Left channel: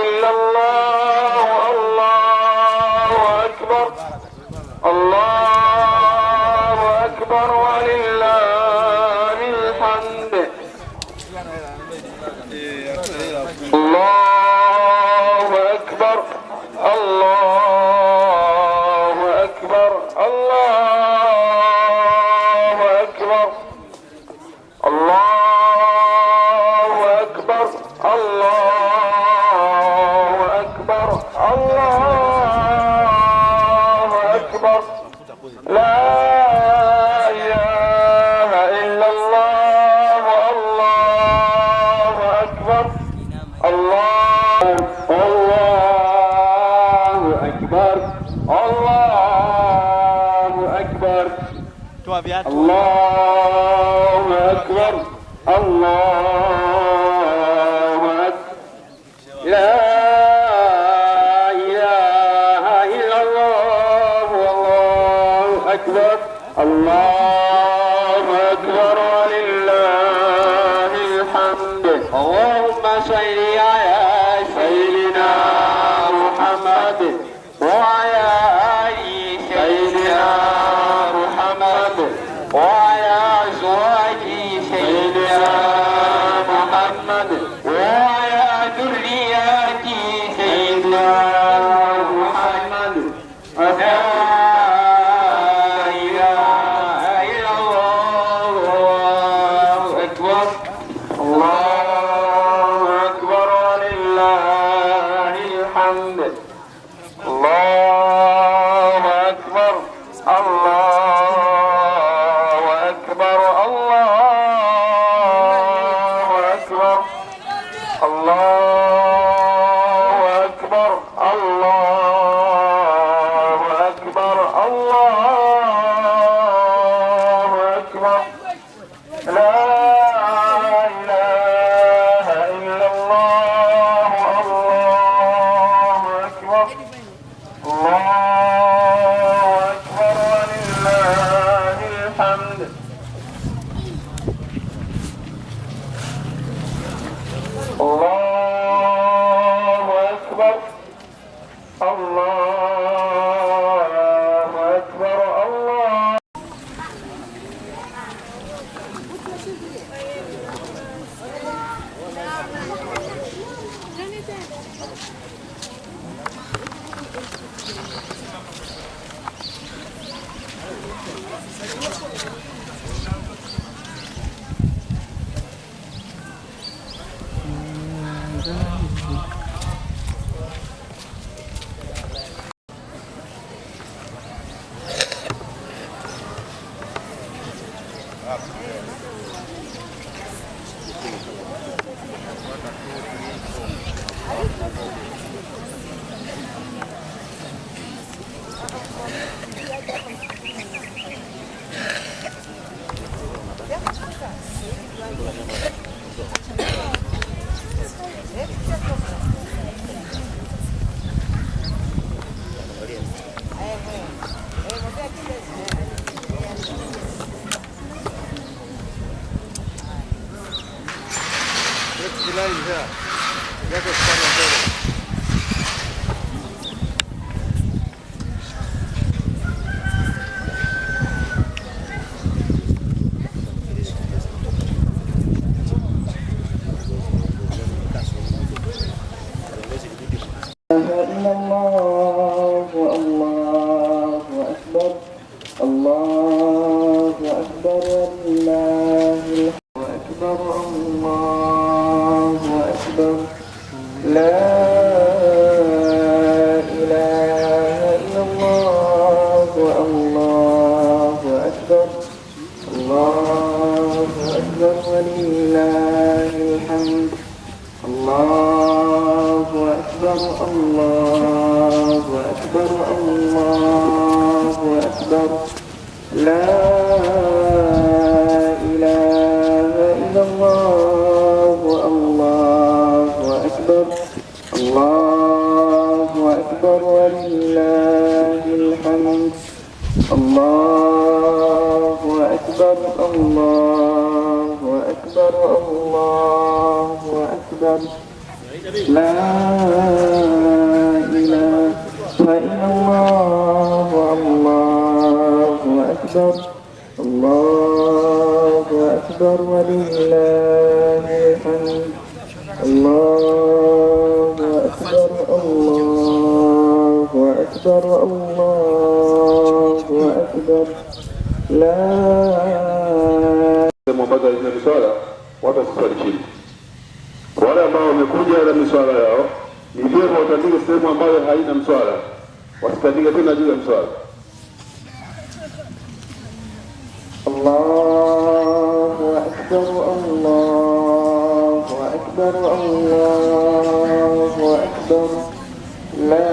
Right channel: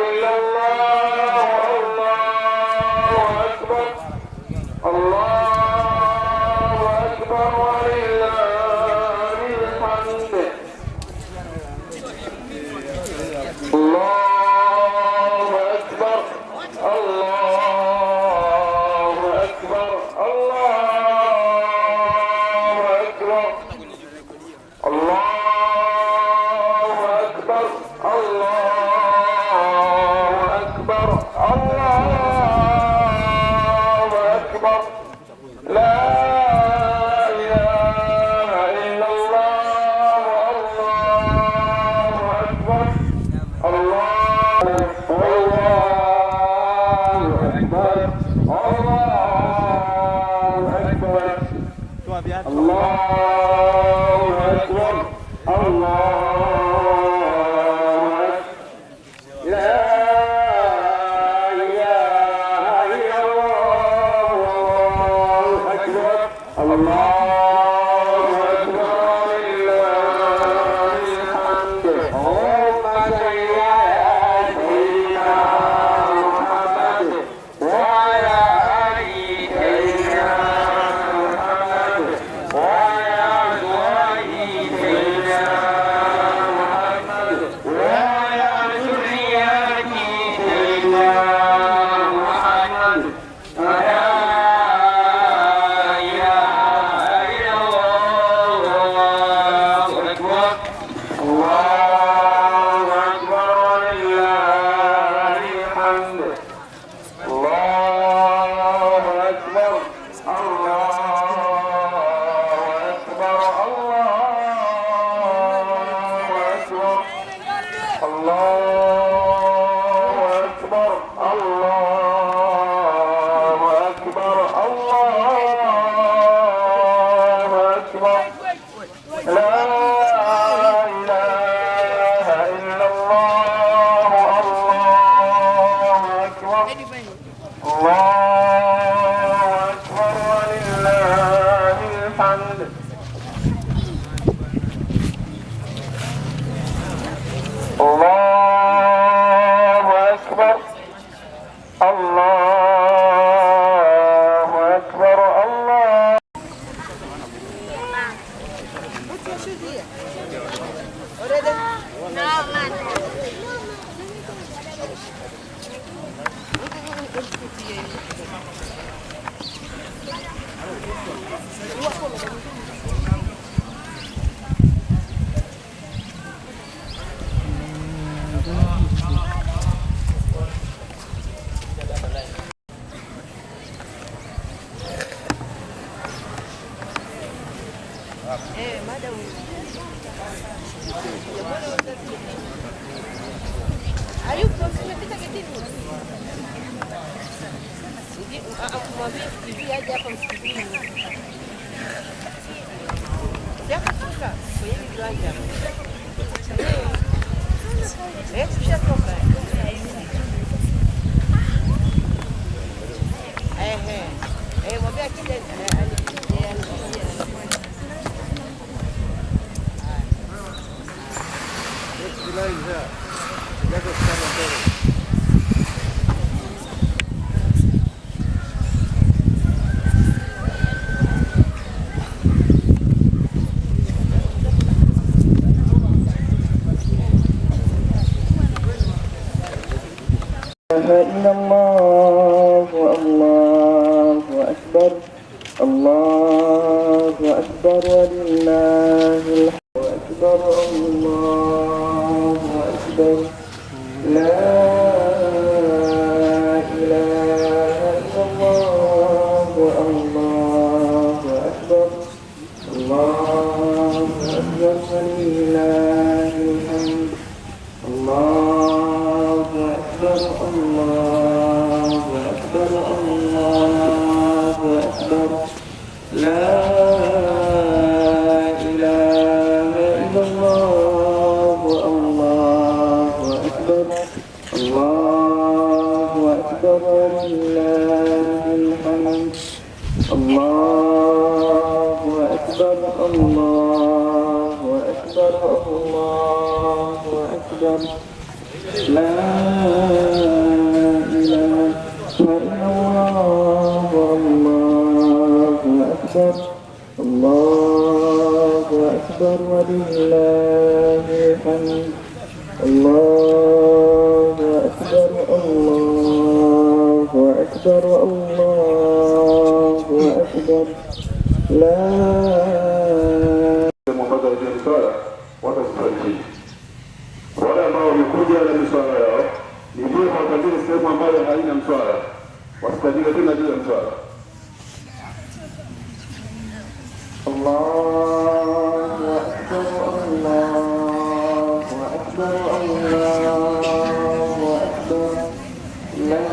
إلا الله والله أكبر الله أكبر ولله الحمد أكبر الله أكبر لا إله إلا الله والله أكبر الله أكبر ولله الحمد الله أكبر الله أكبر الله أكبر لا إله إلا الله والله أكبر أكبر الله أكبر ولله الحمد الله أكبر الله أكبر الله أكبر لا إله إلا الله الله أكبر الله أكبر ولله الحمد الله أكبر الله أكبر الله أكبر لا miswala watu kuswali chini. Wale ambao wamekuja na miswala yao ni vyema watandike sehemu ambayo haina mswala, wasitandike tena juu ya mswala. Allahu akbar Allahu akbar Allahu akbar la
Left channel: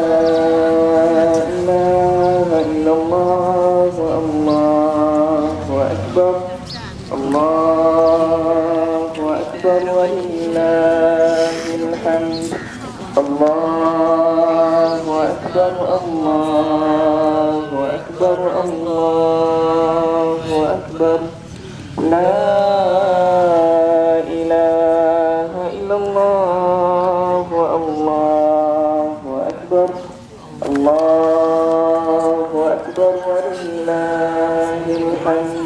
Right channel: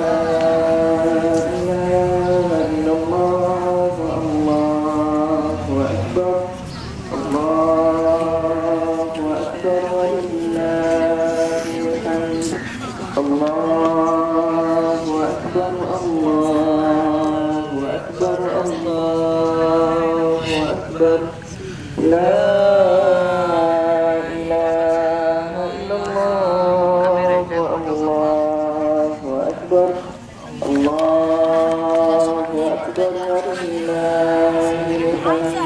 ilaha illallah Allahu akbar Allahu akbar walillahil hamd Allahu akbar Allahu akbar Allahu akbar la ilaha illallah Allahu akbar Allahu akbar walillahil hamd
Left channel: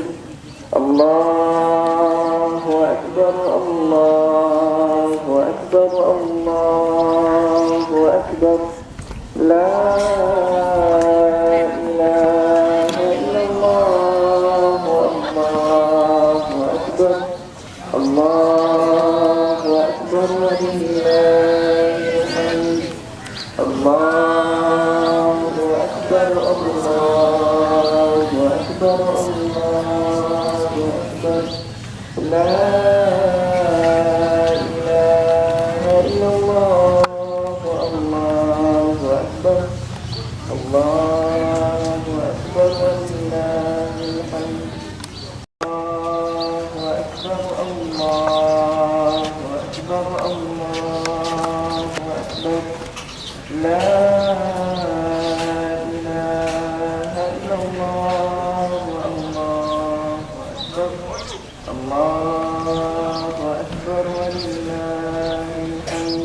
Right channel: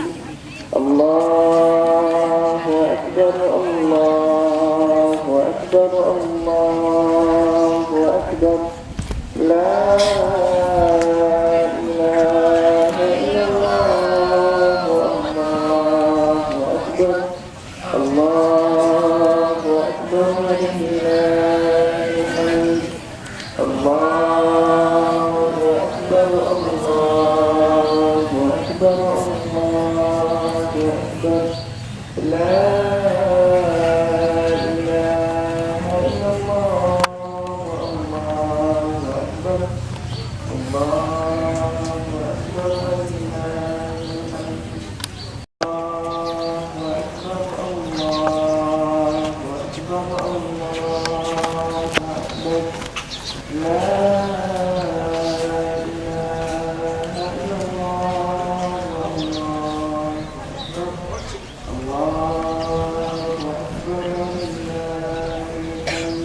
Allahu akbar Allahu akbar Allahu akbar la ilaha illallah Allahu akbar Allahu akbar walillahil hamd Allahu akbar Allahu akbar Allahu akbar la ilaha illallah Allahu akbar Allahu akbar walillahil hamd Allahu akbar Allahu akbar Allahu akbar la ilaha illallah Allahu akbar walillahil hamd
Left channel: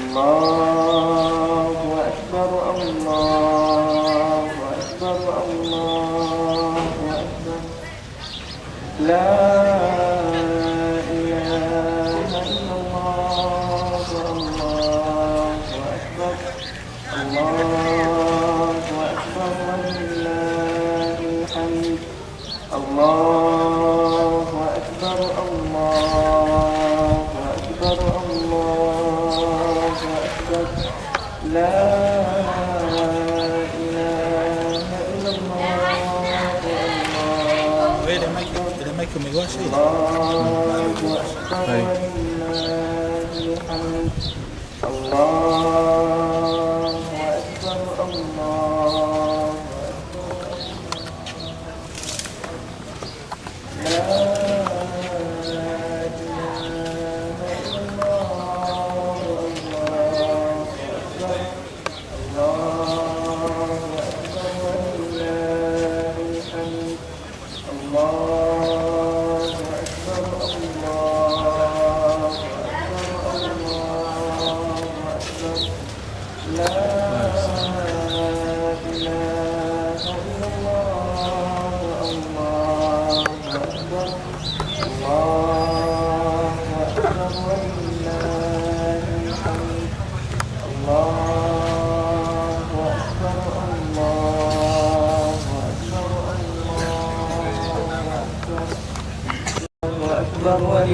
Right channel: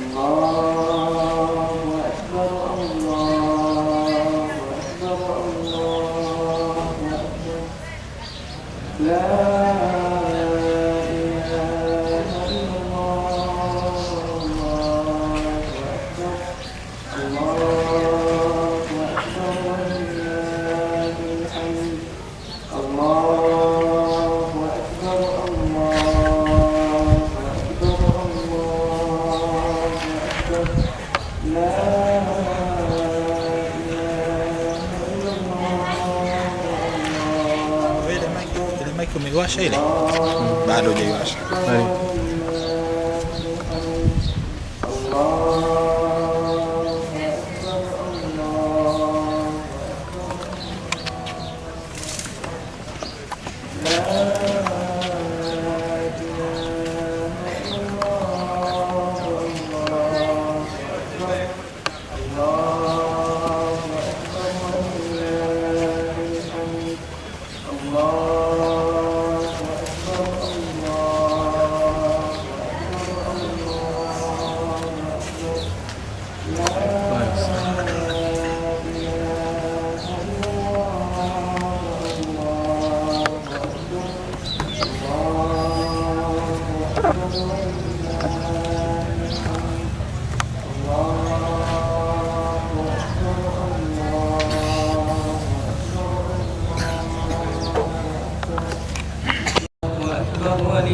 Allahu akbar Allahu akbar Allahu akbar la ilaha illallah Allahu akbar Allahu akbar walillahil hamd Allahu akbar Allahu akbar Allahu akbar la ilaha illallah ile maiki umeiwasha ile bado hujaiwasha.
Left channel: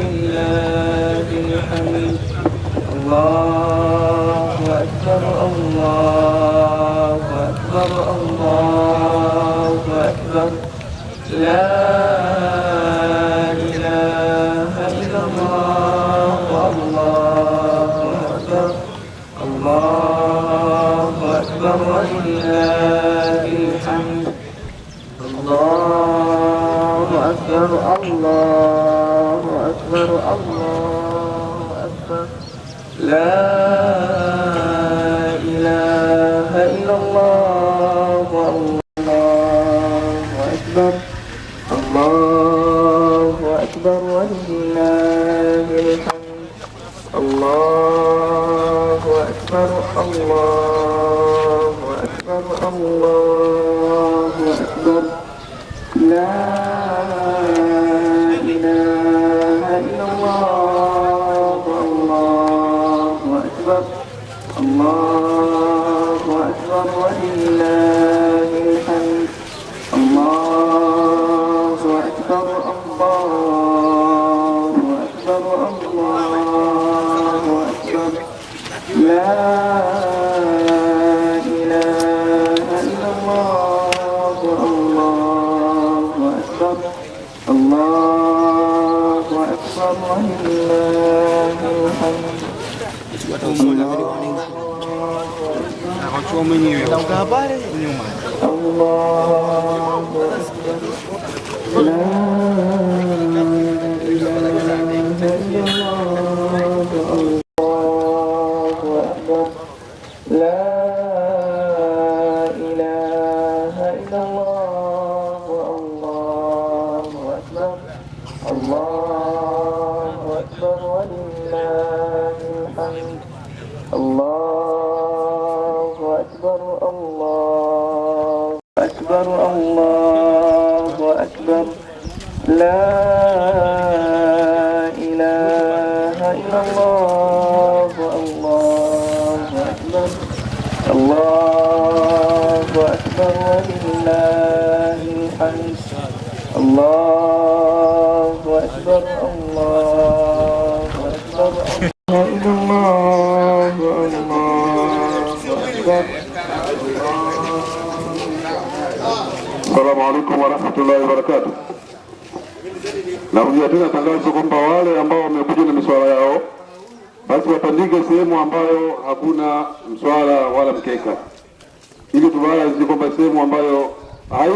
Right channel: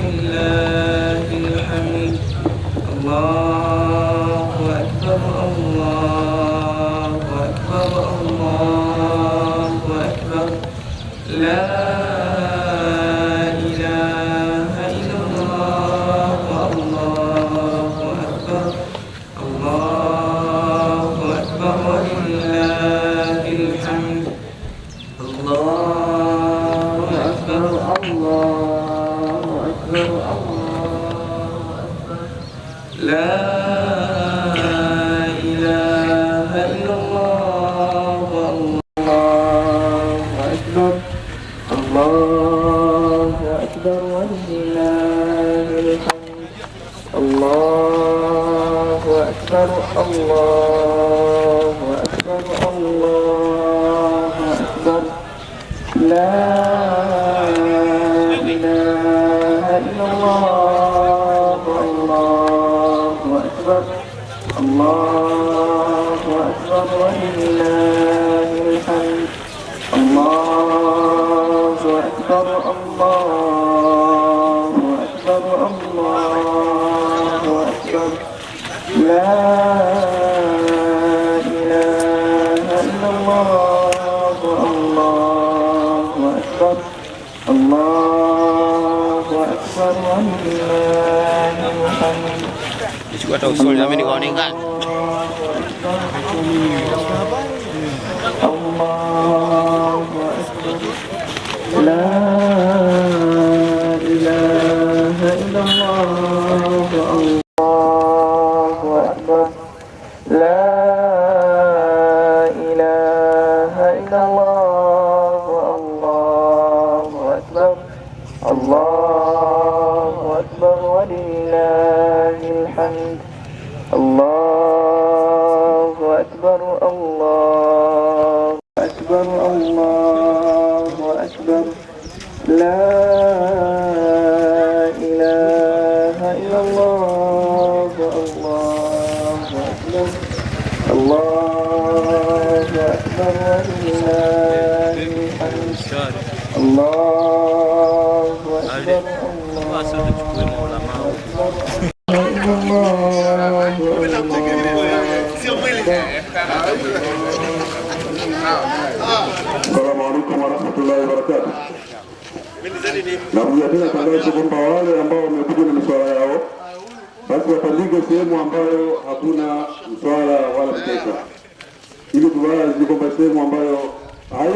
ولله الحمد الله أكبر الله أكبر الله أكبر لا إله إلا الله الله أكبر الله أكبر ولله الحمد الله أكبر الله أكبر الله أكبر لا الله أكبر الله أكبر الله أكبر لا إله إلا الله الله أكبر الله أكبر ولله الحمد الله أكبر الله أكبر الله أكبر لا إله إلا الله الله أكبر الله أكبر ولله الحمد. Chukua tausuli na mimi nikaonekana. الله أكبر لا إله إلا الله الله أكبر لا إله إلا الله الله أكبر الله أكبر ولله الحمد الله أكبر الله أكبر الله أكبر لا إله إلا الله الله أكبر الله أكبر ولله الحمد الله أكبر الله أكبر الله Assalamu alaikum warahmatullahi wabarakatuh. Narudia tena tangazo kwamba wale ambao wamekuja na miswala yao basi wapandike sehemu ambayo hakuna mswala wala mkeka, ili tuwazi kwamba sehemu ambayo hai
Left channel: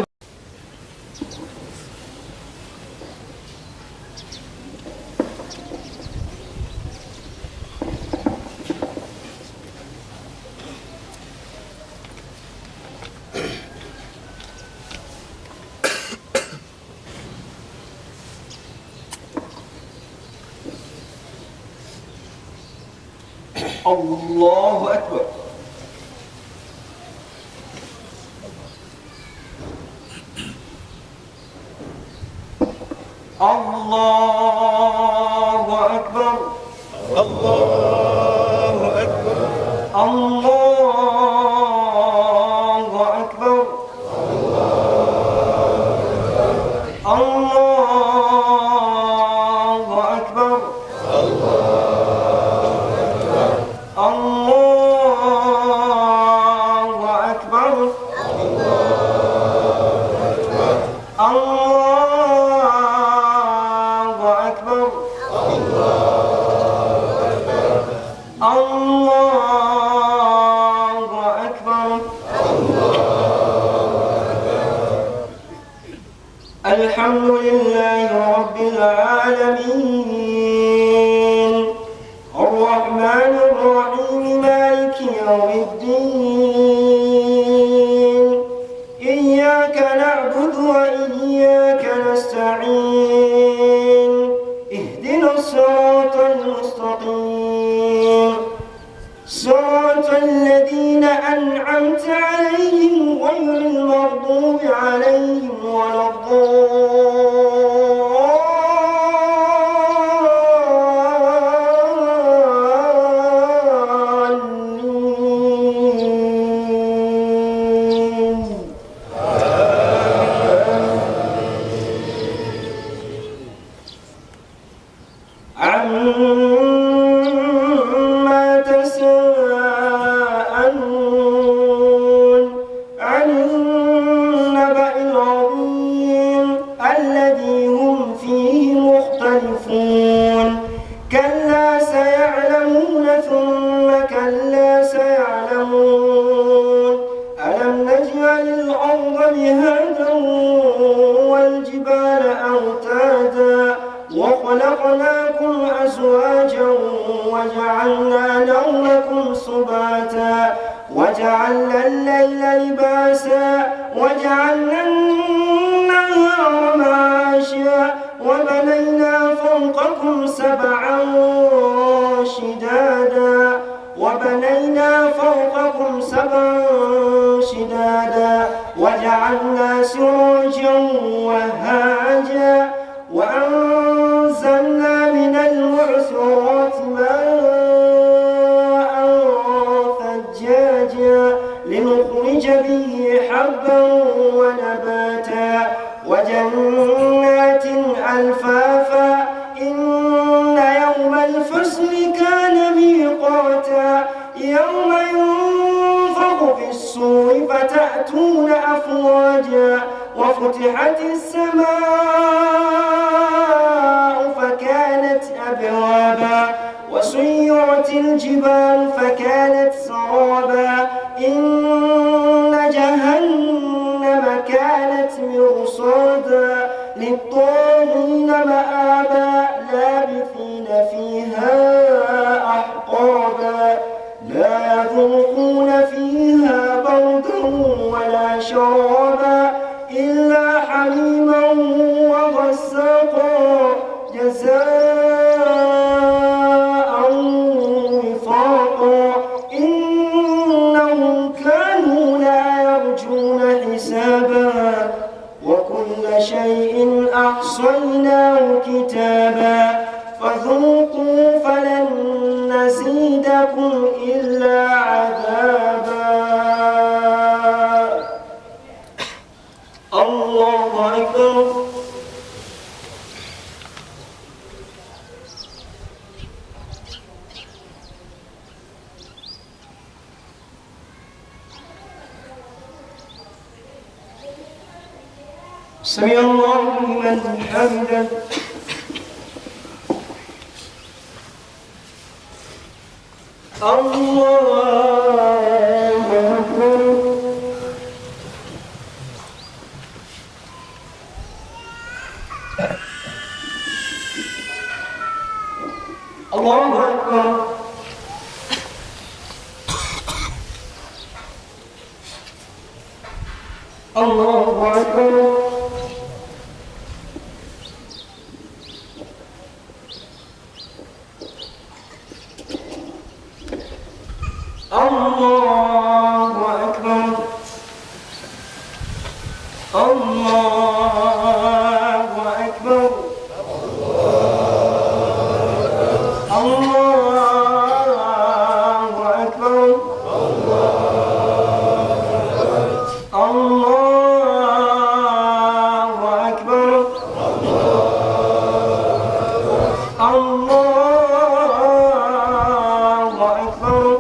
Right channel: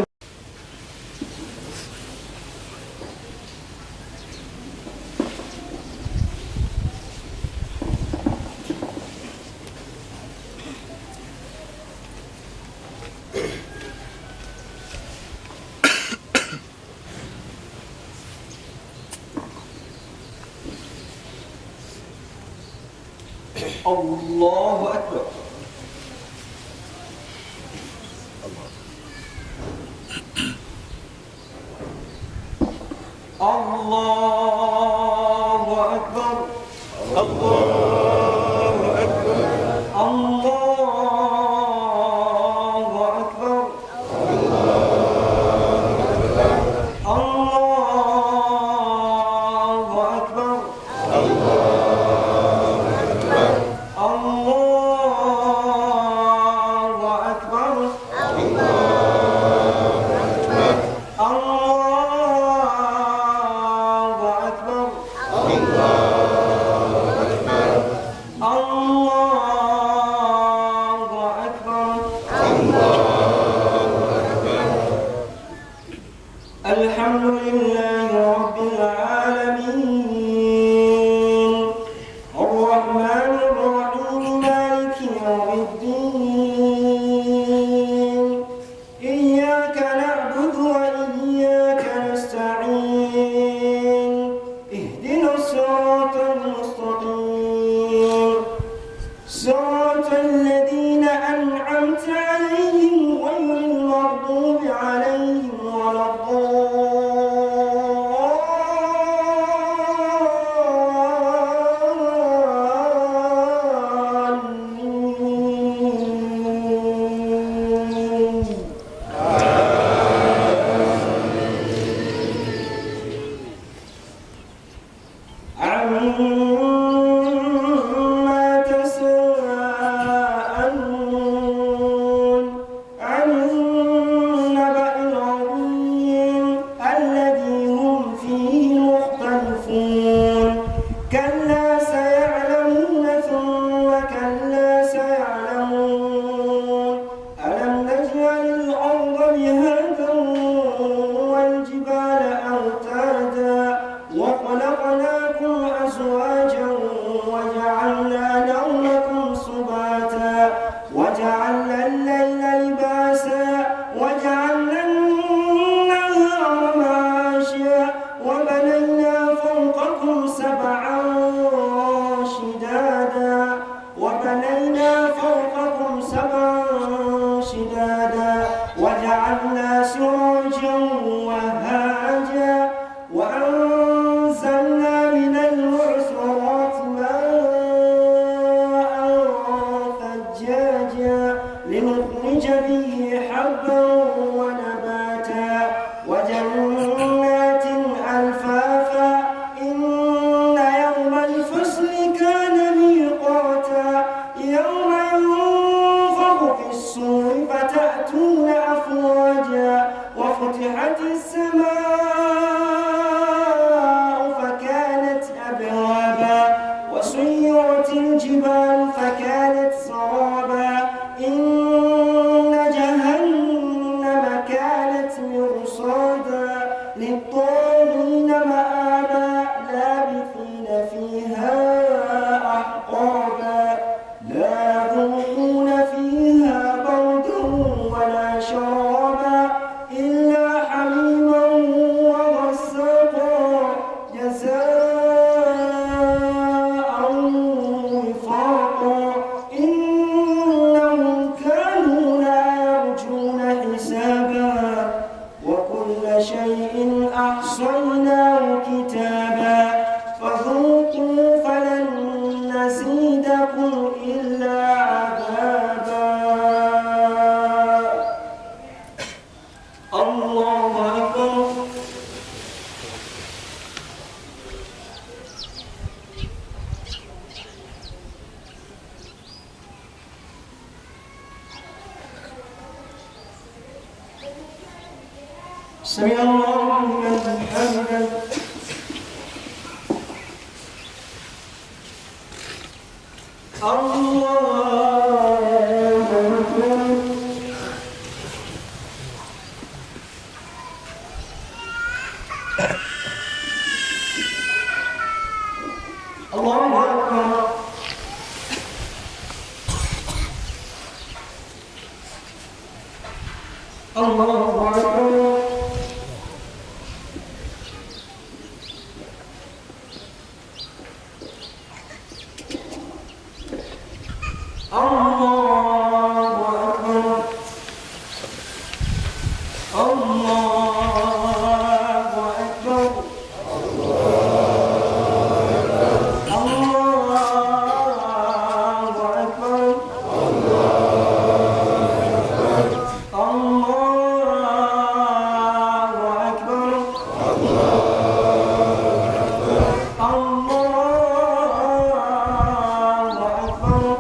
الله أكبر الله أكبر الله أكبر الله أكبر الله أكبر الحمد لله رب العالمين الرحمن الرحيم مالك يوم الدين إياك نعبد وإياك نستعين اهدنا الصراط المستقيم صراط الذين أنعمت عليهم غير المغضوب عليهم ولا عما تساءلون عن النبأ العظيم الذي هم فيه مختلفون كلا سيعلمون ثم كلا سيعلمون ألم نجعل الأرض مهادا والجبال أوتادا وخلقناكم أزواجا وجعلنا نومكم سباتا وجعلنا الليل لباسا وجعلنا النهار معاشا وبنينا فوقكم سبعا شدادا وبنينا فوقكم سبعا شدادا وجعلنا سراجا وهاجا وأنزلنا من المعصرات ماء ثجاجا لنخرج به حبا ونباتا وجنات ألفافا إن يوم الفصل كان ميقاتا يوم ينفخ في الصور فتأتون أفواجا وفتحت السماء فكانت أبوابا وسيرت الجبال فكانت سرابا إن جهنم كانت مرصادا للطاغين مآبا لابثين فيها أحقابا لا يذوقون فيها بردا ولا شرابا إلا حميما وغساقا جزاء وفاقا إنهم كانوا لا يرجون حسابا وكل شيء أحصيناه كتابا فذوقوا فلن نزيدكم إلا عذابا الله أكبر سمع الله لمن حمده الله أكبر الله أكبر الله أكبر الله أكبر الله أكبر الله أكبر الله أكبر الله أكبر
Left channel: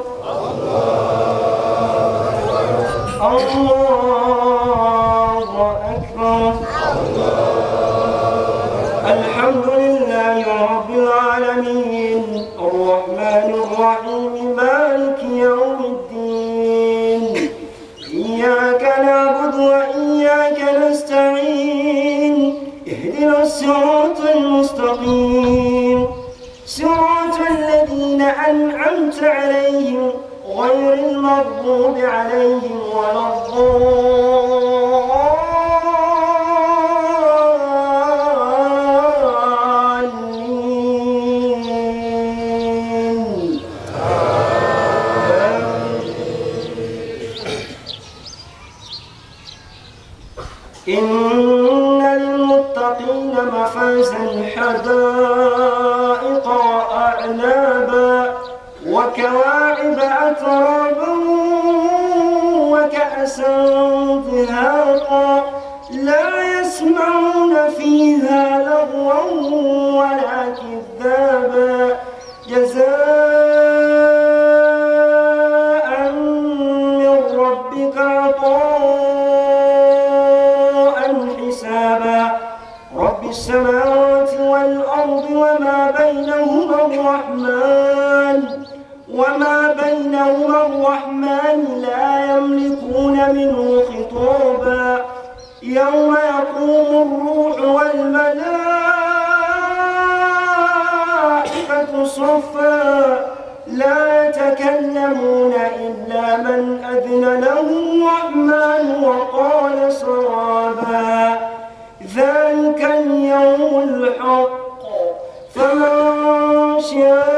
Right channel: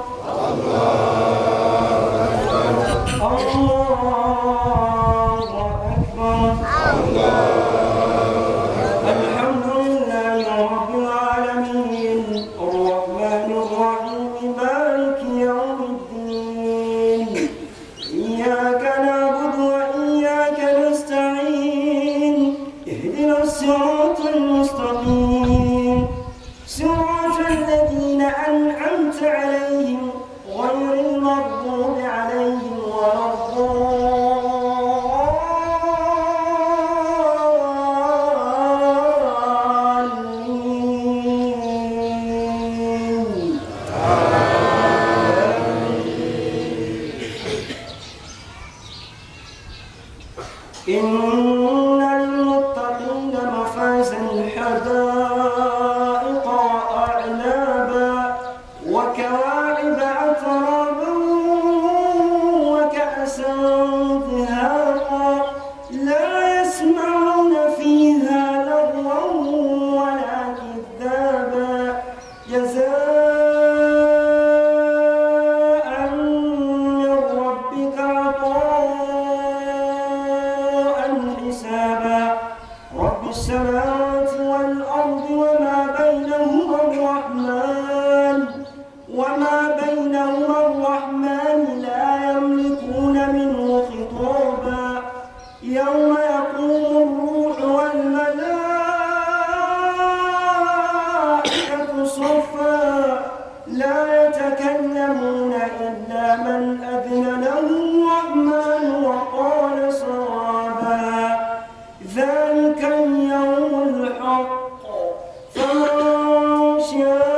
الله أكبر الحمد لله رب العالمين الرحمن الرحيم مالك يوم الدين إياك نعبد وإياك نستعين اهدنا الصراط المستقيم صراط الذين أنعمت عليهم غير المغضوب عليهم ولا الضالين إن للمتقين مفازا حدائق وأعنابا وكواعب أترابا وكأسا دهاقا لا يسمعون فيها لغوا ولا كذابا جزاء من ربك عطاء حسابا رب السماوات والأرض وما بينهما الرحمن لا يملكون منه خطابا يوم يقوم الروح والملائكة صفا لا يتكلمون إلا من أذن له الرحمن وقال صوابا ذلك اليوم الحق فمن شاء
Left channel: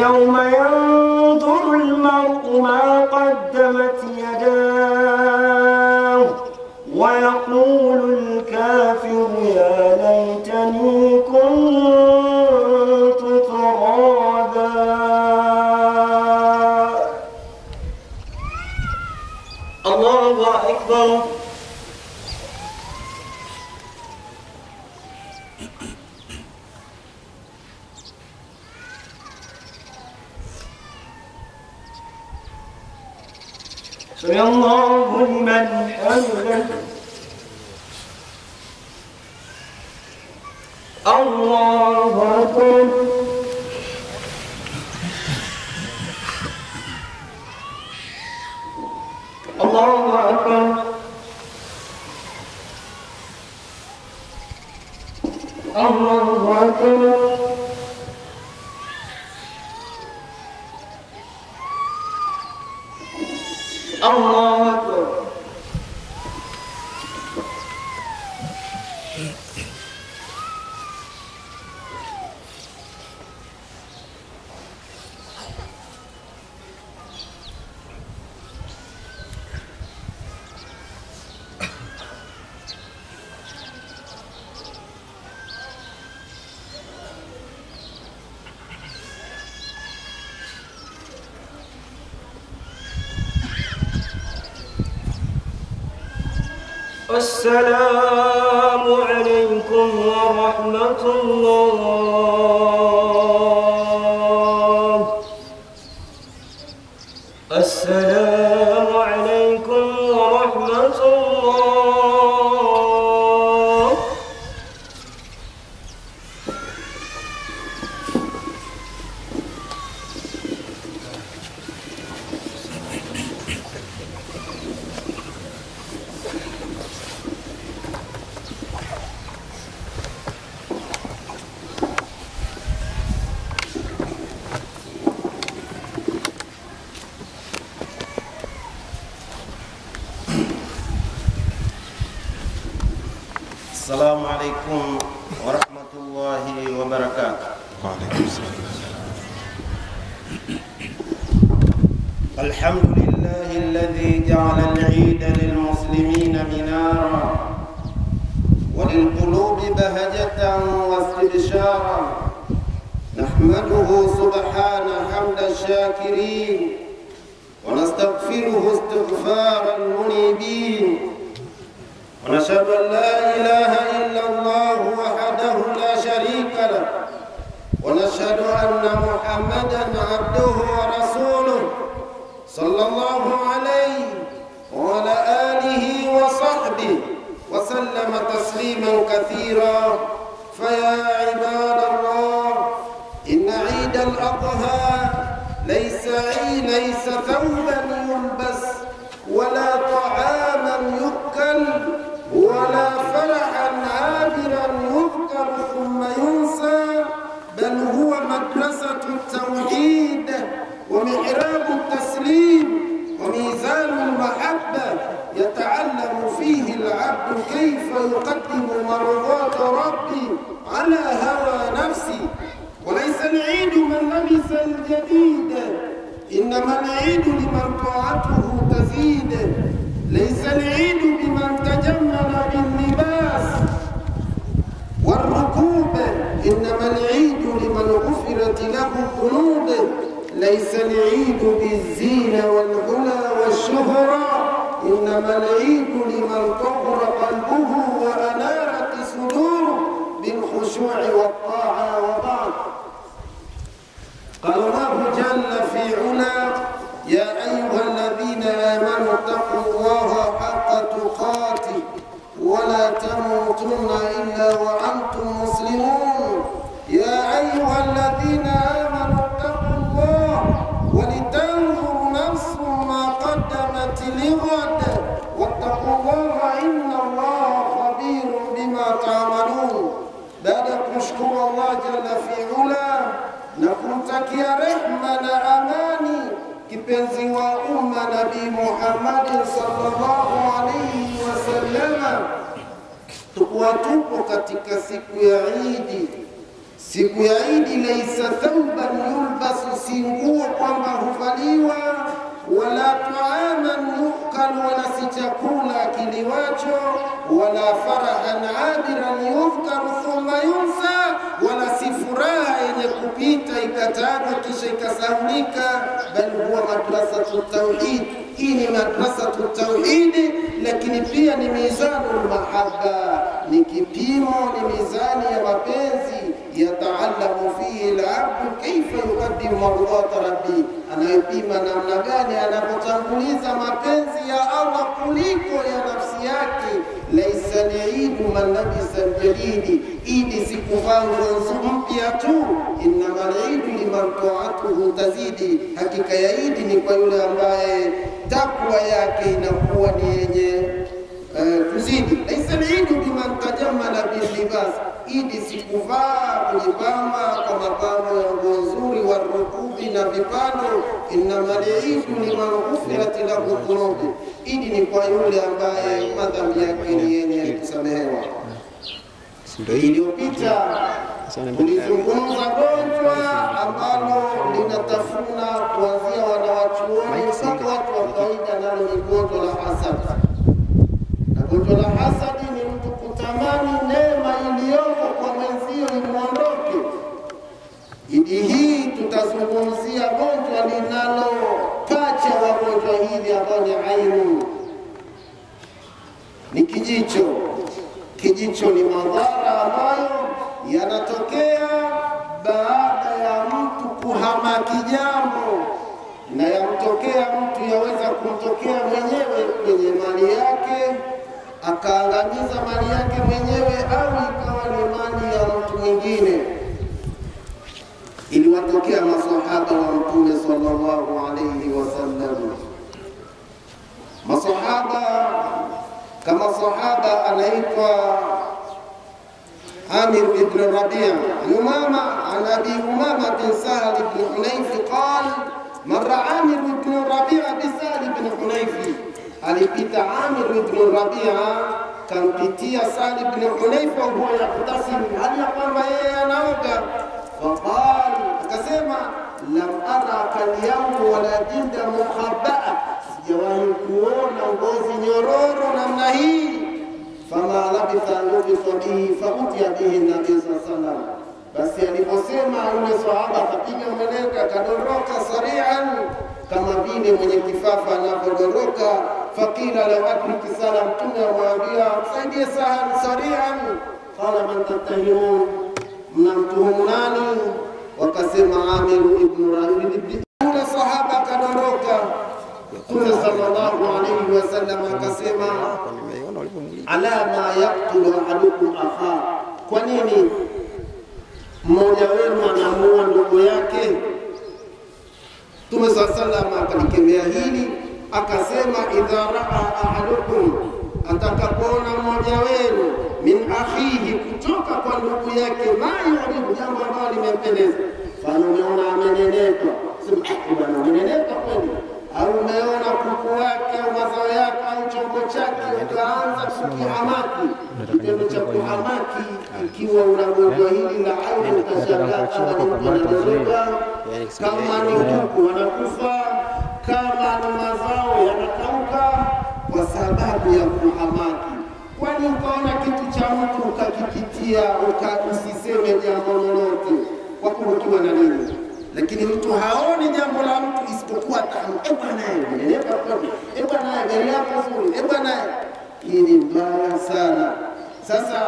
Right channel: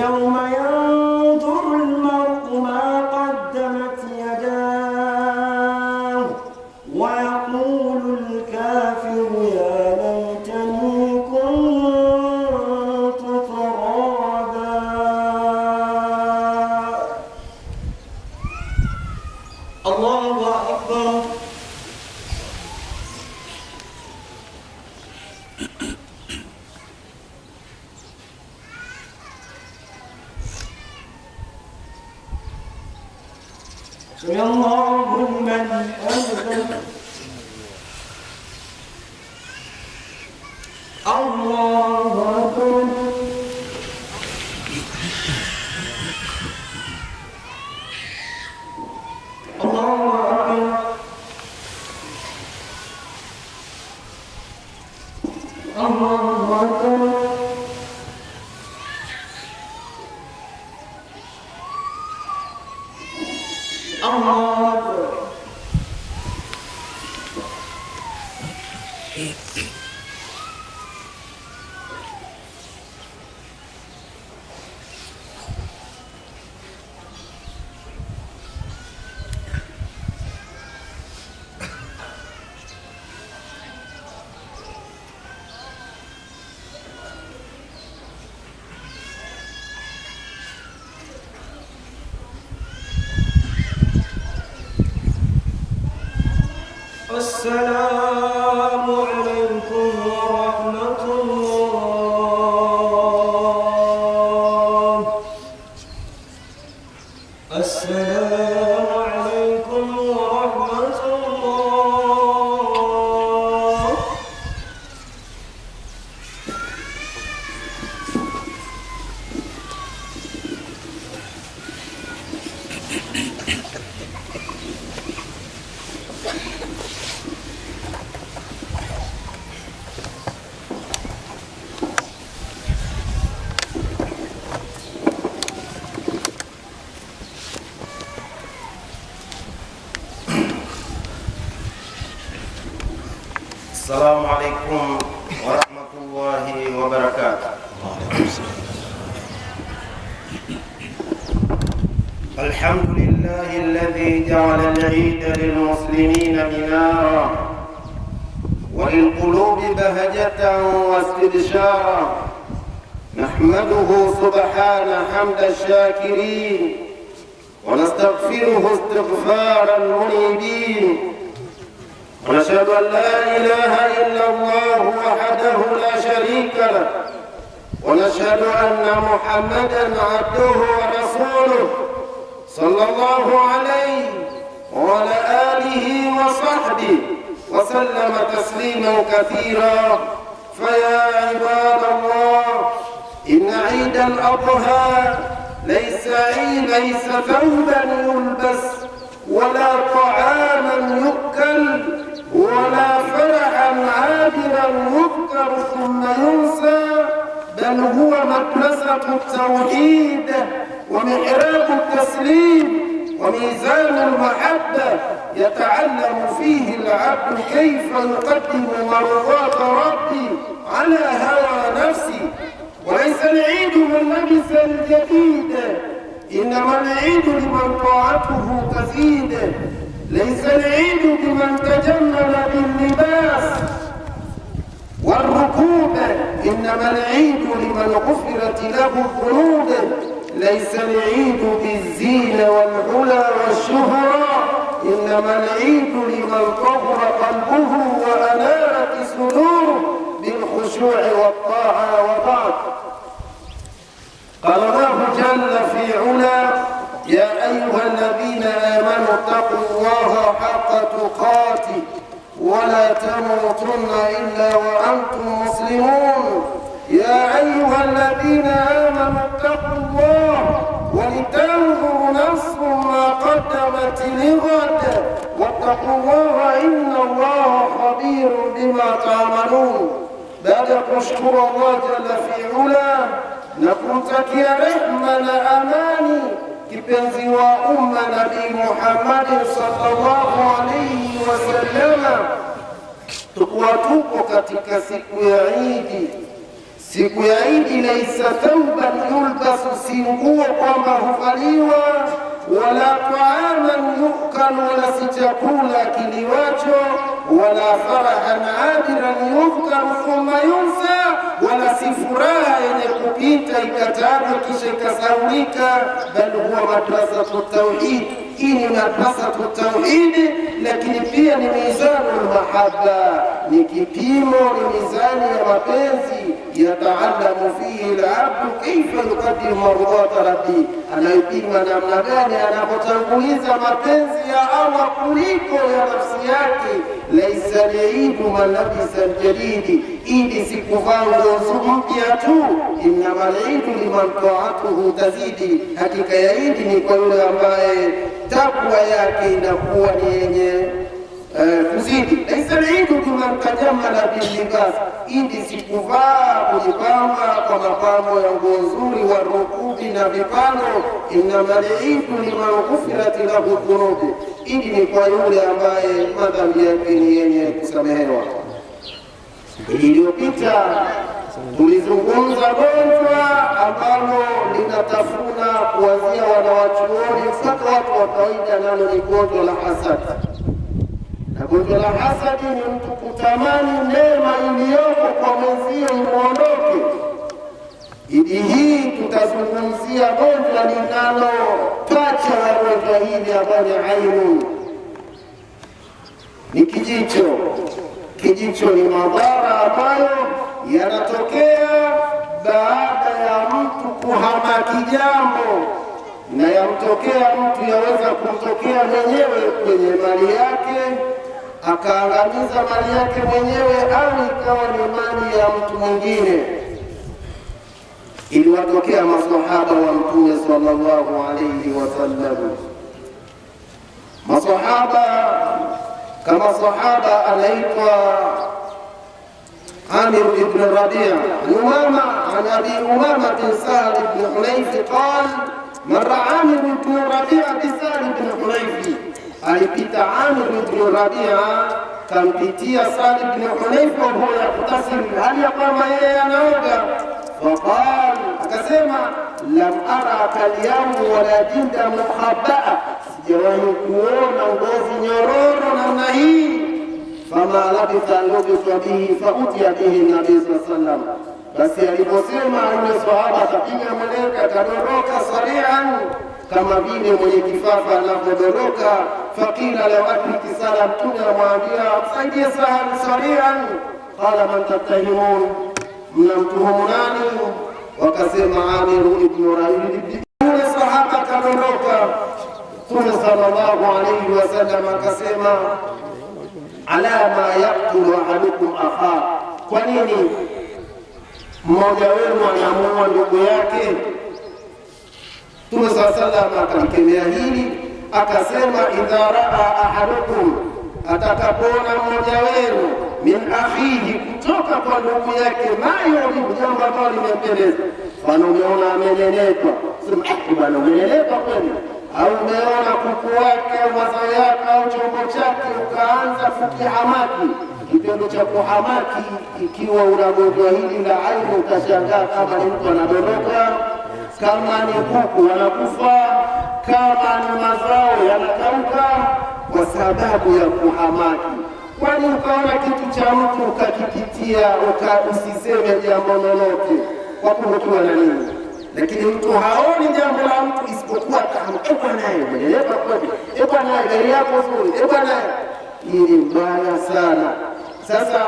يوم ينظر المرء ما قدمت يداه ويقول الكافر يا ليتني كنت ترابا. الله أكبر. سمع الله لمن حمده. الله أكبر. الله أكبر. الله أكبر. الله أكبر. السلام عليكم ورحمة الله. السلام عليكم ورحمة الله. السلام عليكم ورحمة الله وبركاته. الحمد لله الذي جعل العيد للمسلمين منارا وللقلوب بهجة واستبشارا. نحمده سبحانه حمد الشاكرين ونستغفره استغفار المنيبين، ونشهد أن لا إله إلا الله وحده لا شريك له، ونشهد أن محمدًا عبده ورسوله صلى الله عليه وعلى آله وصحبه وسلم تسليما كثيرا. فيا عباد الله، إن عيد الأضحى ليس ثوبا يلبس ولا طعاما يؤكل ولا فرحا عابرا يذكر ثم ينسى، بل هو مدرسة التوحيد ومحراب التسليم وميزان المحبة يتعلم فيه العبد كيف يقدم مرضات ربي على هوى نفسي. وليس العيد من لبس الجديد، إنما العيد لمن طاعته تزيد. ليس العيد بمن تجمل باللباس والركوب، إنما العيد لمن غفرت له الذنوب. ليس العيد بالزينة والعلا والشهرة، إنما العيد لمن طهر قلبه وأنارت صدوره بالخشوع والطاعة. وبعد، قال الله جل في علا: يا أيها الذين آمنوا اتقوا الله حق تقاته ولا تموتن إلا وأنتم مسلمون. يا أيها الذين آمنوا اتقوا الله ولتنظر نفس ما قدمت لغد واتقوا الله إن الله خبير بما تعملون. بعد kushukuru Allah jalla fi'ala na kumtakia rehma na amani kipenzi wa umma Nabii Muhammad sallallahu alayhi wasallam, tupo katika siku ya Idi, siku ya Idi, laisa thawban yulbasu, si nguo kwamba huvaliwa, wala taaman yukal, wala si chakula kiliwacho, wala farahan abiran yufkaru thumma yunsa, wala si furaha yenye kupita ikatajwa kisha ikasaulika, bal huwa madrasatu tauhid. Hii ni madrasatu tauhid, lakini pia ni mizanul mahabba, ni kipimo, ni mizani ya mapenzi. Yataalamu fihi al-abdu kaifa yuqaddimu mardata rabbi, anayepima namna gani anapotanguliza mapenzi ya Allah kuliko ya nafsi yake. Laisa liidu man labisa al-jadidi, Idi si kuvaa nguo mpya tu, innama al-idu liman ta'atuhu tazidi, hakika ya Idi ni kwa yule ambaye takwa yake inakuwa ni yenye kuzidi. Laisa al-idu liman tajammala bil libas, Idi si kuvaa kujipamba kwa mapambo ya nguo nzuri, wa rukubi na vipando. Innama al-idu liman ghufirat lahu dhunubi, Idi ni kwa yule ambaye madhambi yake ni yenye kusamehewa. Iliyopita tulizungumza gonjwa ambalo linatafuna kuanzia wanawachuoni mpaka watu wa kawaida, nalo ni gonjwa la hasadi. Na gonjwa la hasadi ni mtu kutamani neema iliyoko kwa mwenzio imuondoke. Idi hii tutazungumzia gonjwa linalopacha wa gonjwa hili ambalo ni ainu, ni kijicho. Kijicho ni madhara ambayo yanatokea baada ya mtu kuhamaki jambo, na yamtokea mtu, yaweza kumtokea mwenyewe kwenye mali yake akaangamiza mali yake mwenyewe, au ikawa ni mali ya mtu mwingine. Iliwatokea maswahaba wa Mtume sallallahu alayhi wasallam. Maswahaba kama sahaba anaitwa Amir ibn Rabi'a Umama, an Abi Umama bin Sahal ibn Hunayf qala marra Amir ibn Rabi'a bi Sahal ibn Hunayf, alipita Amir ibn Rabi'a kampitia Sahal ibn Hunayf wa huwa yaktasim, hali ya kwamba yeye anaoga. Faqal, akasema lam ara kalyamu wala jinda mukhabba'a, sijawahi kuona ngozi nyororo namna hii. Fama labitha lubitha bihi fautiya bihi nabii sallallahu alaihi wasallam, basi aliposema yule sahaba akapiga meleka akadondoka sari'an, kama vile mwenye kifafa anapodondoka. Faqila law adriki Sahal, Mtume amwambia saidie Sahal sari'an. Qala man tattahimun, mnamtuhumu nani? Wakasema Amiru ibn Rabi'a. Yule sahaba kadondoka. Mtume sallallahu alayhi wasallam akasema ala ma yaqtulu ahadukum akha, kwa nini mmoja wenu anamuua ndugu yake? Mtume sallallahu alayhi wasallam akalikemea hili akasema idha raa ahadukum, atakapoona mmoja wenu min akhihi, kutoka kwa ndugu yake, ma yu'ribu, jambo ambalo limempendeza. Fano umeona amenenepa, sema bwana umenenepa kweli, au umeona kuku wake au mazao yake au chombo chake ukaanza kukihamaki. Kitendo cha kuhamaki, ikiwa unagonjwa hili la ainu, utashangaa kama ni mtu anadondoka, kama ni kuku wanakufa, kama ni mazao yanakauka kwa sababu ya kuhamaki. Kwani ukaona kitu cha mtu ukakipitia, usiseme jambo lolote kwa kuhukiwa na nini? Lakini mtu haoni jambo la mtu isipokuwa bwana umenenepa kweli, bwana gari yako nzuri, bwana. Hii ni mbaya sana. Sasa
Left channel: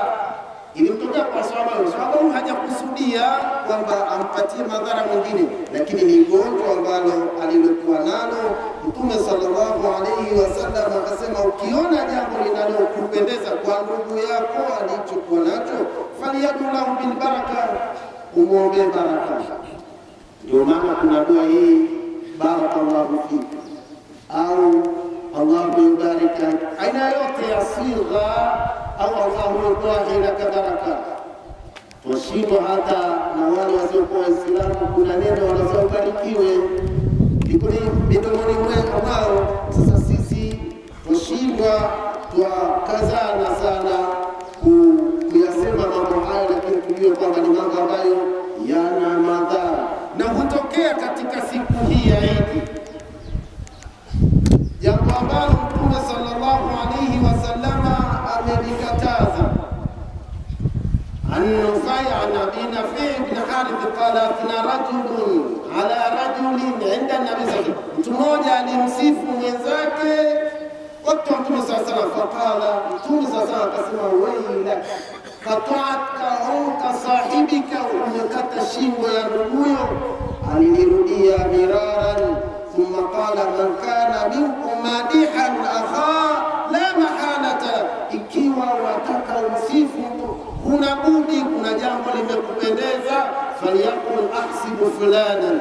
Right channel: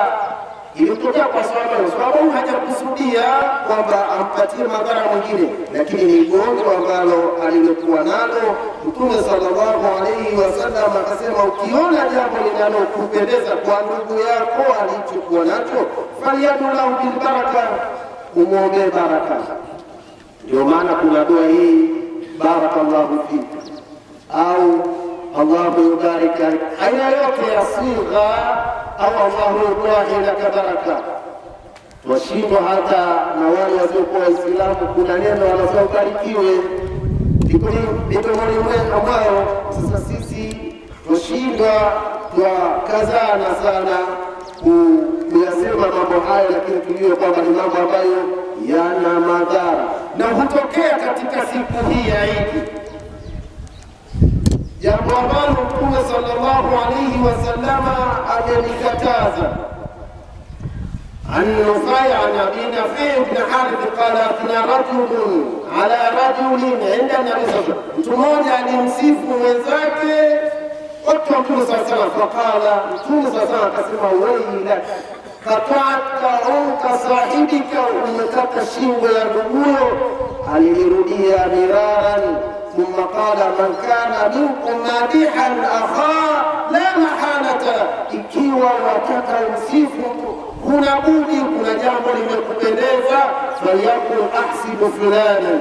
ilimtokea kwa sababu hajakusudia kwamba ampatie madhara mwingine, lakini ni gonjwa ambalo alilokuwa nalo. Mtume sallallahu alayhi wasallam akasema ukiona jambo linalokupendeza kwa ndugu yako alichokuwa nacho, falyadulahu bil baraka, umuombe baraka. Ndio maana kuna dua hii barakallahu fika au Allahu yubarik, aina yote ya sigha au Allahu yubarik laka baraka. Twashindwa hata na wale wasiokuwa Waislamu, kuna neno wanasema barikiwe liko midomoni mwao. Sasa sisi twashindwa, twakazana sana kuyasema mambo haya, lakini tujue kwamba ni mambo ambayo yana madhara na hutokea katika siku hii ya Idi, jambo ambalo Mtume sallallahu alayhi wasallama amelikataza. عن نفيع عن أبي نفيع بن حارث قال أثنى رجل على رجل عند النبي صلى الله عليه وسلم. Mmoja alimsifu mwenzake wakati wa Mtume صلى الله عليه وسلم, faqala, Mtume صلى الله عليه وسلم akasema, wailak qata'aka unka sahibika, umekata shingo ya nduguyo. Alirudia miraran, thumma qala, man kana minkum madihan akha la mahalata, ikiwa wataka msifu huna budi, kuna jambo limekupendeza, falyakul ahsibu fulani,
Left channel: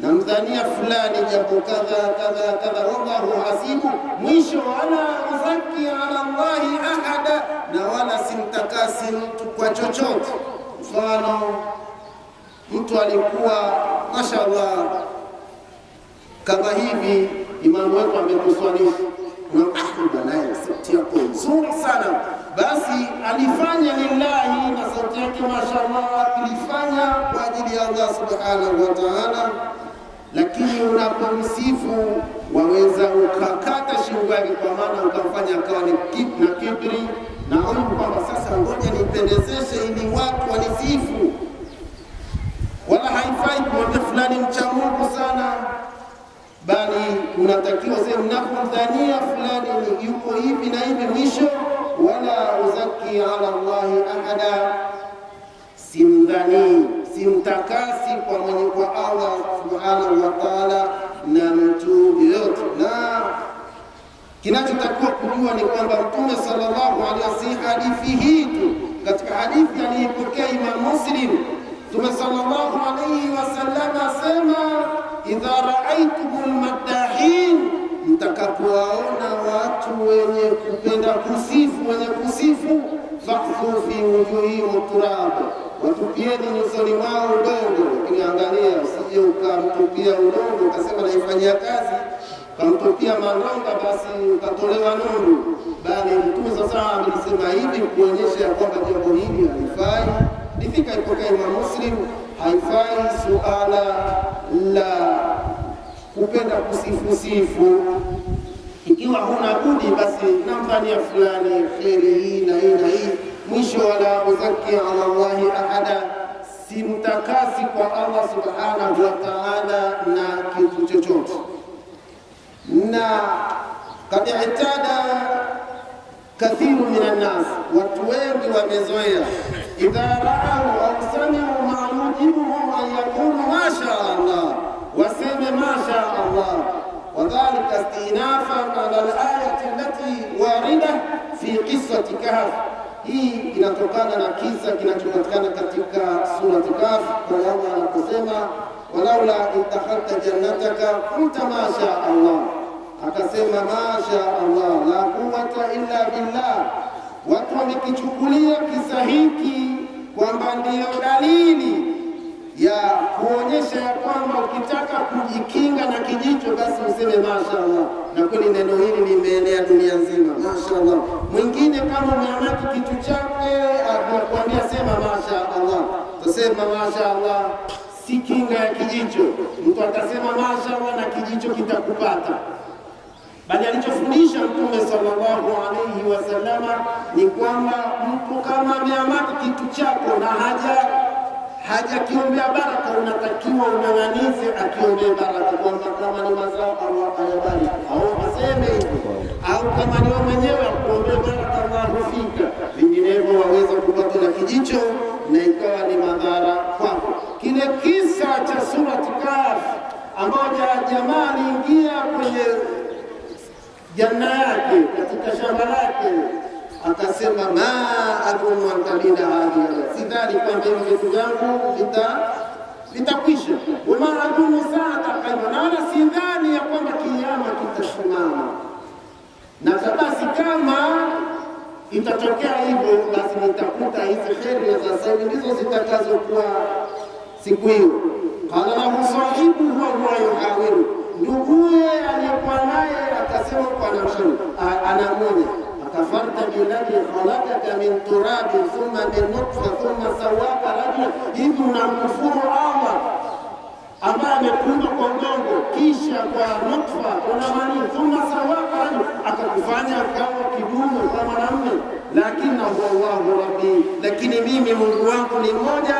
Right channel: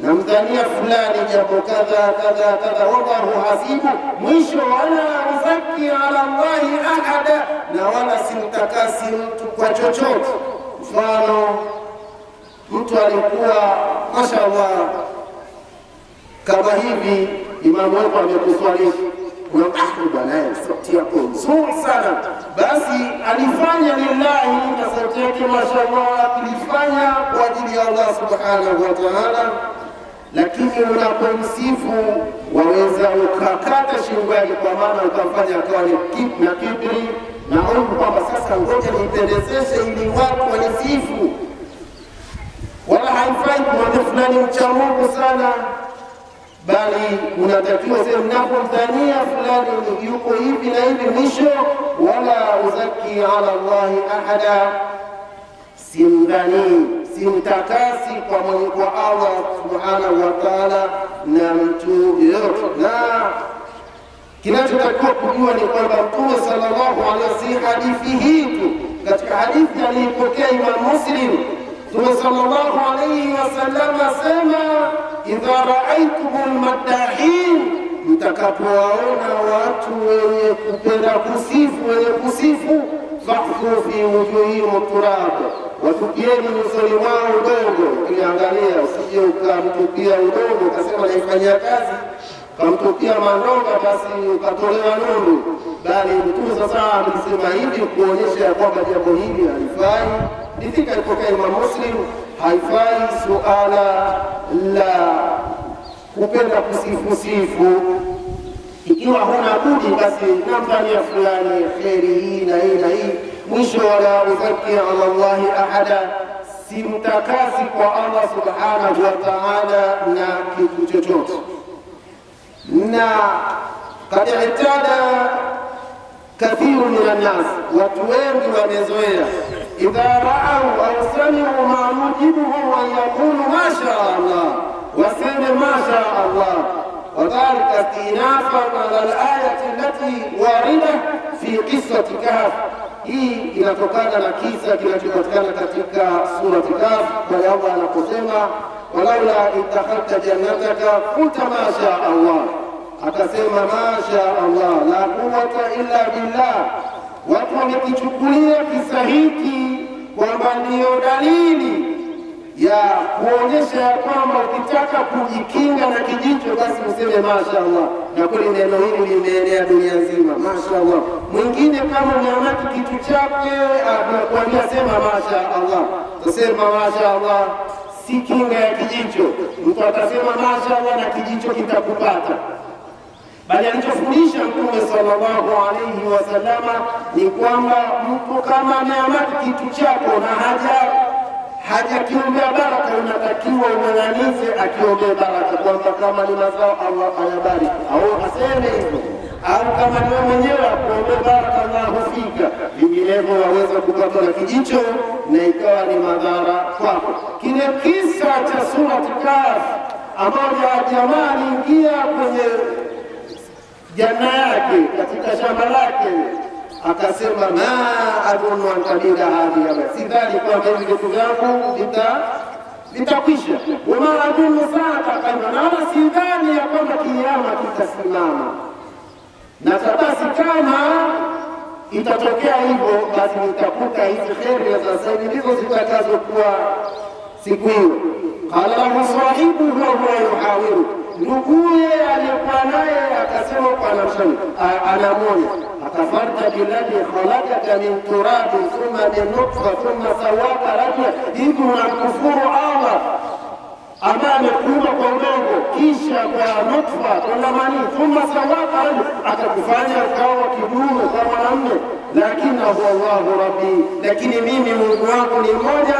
namdhania fulani jambo kadha kadha kadha, wallahu hasibu. Mwisho, wala uzaki ala Allahi ahada, na wala simtakasi mtu kwa chochote. Mfano, mtu alikuwa mashaallah kama hivi, imamu wetu amekuswalisha naye sauti yako nzuri sana, basi alifanya lillahi na sauti yake mashallah, alifanya kwa ajili ya Allah subhanahu wa ta'ala. Lakini unapomsifu waweza ukakata shingo yake, kwa maana ukamfanya akawa ni na kibri na aibu, kwamba sasa ngoja nipendezeshe ili watu wanisifu. Wala haifai kumwambia fulani mcha Mungu sana, bali unatakiwa sema mnapomdhania fulani ni yuko hivi na hivi, mwisho, wala uzaki ala Allahi ahada, simdhani simtakasi kwa Allah subhanahu wa ta'ala na mtu yoyote. Na kinachotakiwa kujua ni kwamba Mtume sallallahu alaihi wasallam, hadithi hii tu, katika hadithi aliyopokea Imam Muslim, Mtume sallallahu alaihi wasallam asema, idha raaitumul maddahin, mtakapowaona watu wenye kupenda kusifu, wenye kusifu, fakhfu fi wujuhihim turab, watupieni nyusoni mwao udongo. Ukiangalia usije ukamtupia udongo ukasema naifanyia kazi, ukamtupia mandonga basi ukatolewa nundu, bali Mtume sasa alisema hivi kuonyesha kwamba jambo hili halifai. Ndifika ipokea Imam Muslim, haifai suala la kupenda kusifu. Ikiwa huna budi, basi namdhania fulani kheri hii na hii na hii, mwisho, wala uzaki ala Allahi ahada, simtakasi kwa Allah subhanahu wa ta'ala na kitu chochote. Na kad i'tada kathiru minan nas, watu wengi wamezoea, idha ra'au au sami'u ma yujibuhum an yaqulu ma sha Allah, waseme ma sha Allah, wadhalika istinafan ala al-ayati allati warida fi qissati Kahf. Hii inatokana na kisa kinachopatikana katika surati Kahf, kwa Allah anaposema, walaula idakhalta jannataka qulta ma sha Allah, akasema ma sha Allah la quwwata illa billah. Watu wamekichukulia kisa hiki kwamba ndiyo dalili ya kuonyesha ya kwamba ukitaka kujikinga na kijicho basi useme mashaallah, na kweli neno hili limeenea dunia nzima, mashaallah. Mwingine kama umeamaki kitu chake anakuambia sema mashaallah, tusema mashaallah, si kinga ya kijicho. Mtu atasema mashaallah na kijicho kitakupata, bali alichofundisha Mtume sallallahu alayhi wasallama ni kwamba mtu kama ameamaki kitu chako na hajakiombea baraka, unatakiwa ung'ang'anize akiombea baraka, kwamba kama ni mazao Allah ayabariki, au aseme hivyo, au kama ni wewe mwenyewe akuombea baraka Allah hufika, vinginevyo waweza kupatwa na kijicho na ikawa ni madhara kwako. Kile kisa cha surati Kahf, ambapo jamaa aliingia kwenye janna yake, katika shamba lake, akasema ma adhunnu an tabida hadhihi, sidhani kwamba hivi vitu vyangu vitakwisha, wama adhunnu saata qaima, na wala sidhani ya kwamba kiyama kitasimama. Na basi kama itatokea hivyo, basi nitakuta hizi kheri za sasa ndizo zitakazokuwa siku hiyo. Qala lahu sahibuhu wa huwa yuhawiru, nduguye aliyekuwa naye akasema kwa namshani, anamoja akafarta billadhi khalaqaka min turabin thumma min nutfa thumma sawaka rajula, hivi unamkufuru Allah ambaye amekuumba kwa udongo kisha kwa nutfa kuna mani thumma sawaka rajula, akakufanya ukawa kidume kwa mwanamume. Lakini huwa Allahu rabbi, lakini mimi Mungu wangu ni mmoja,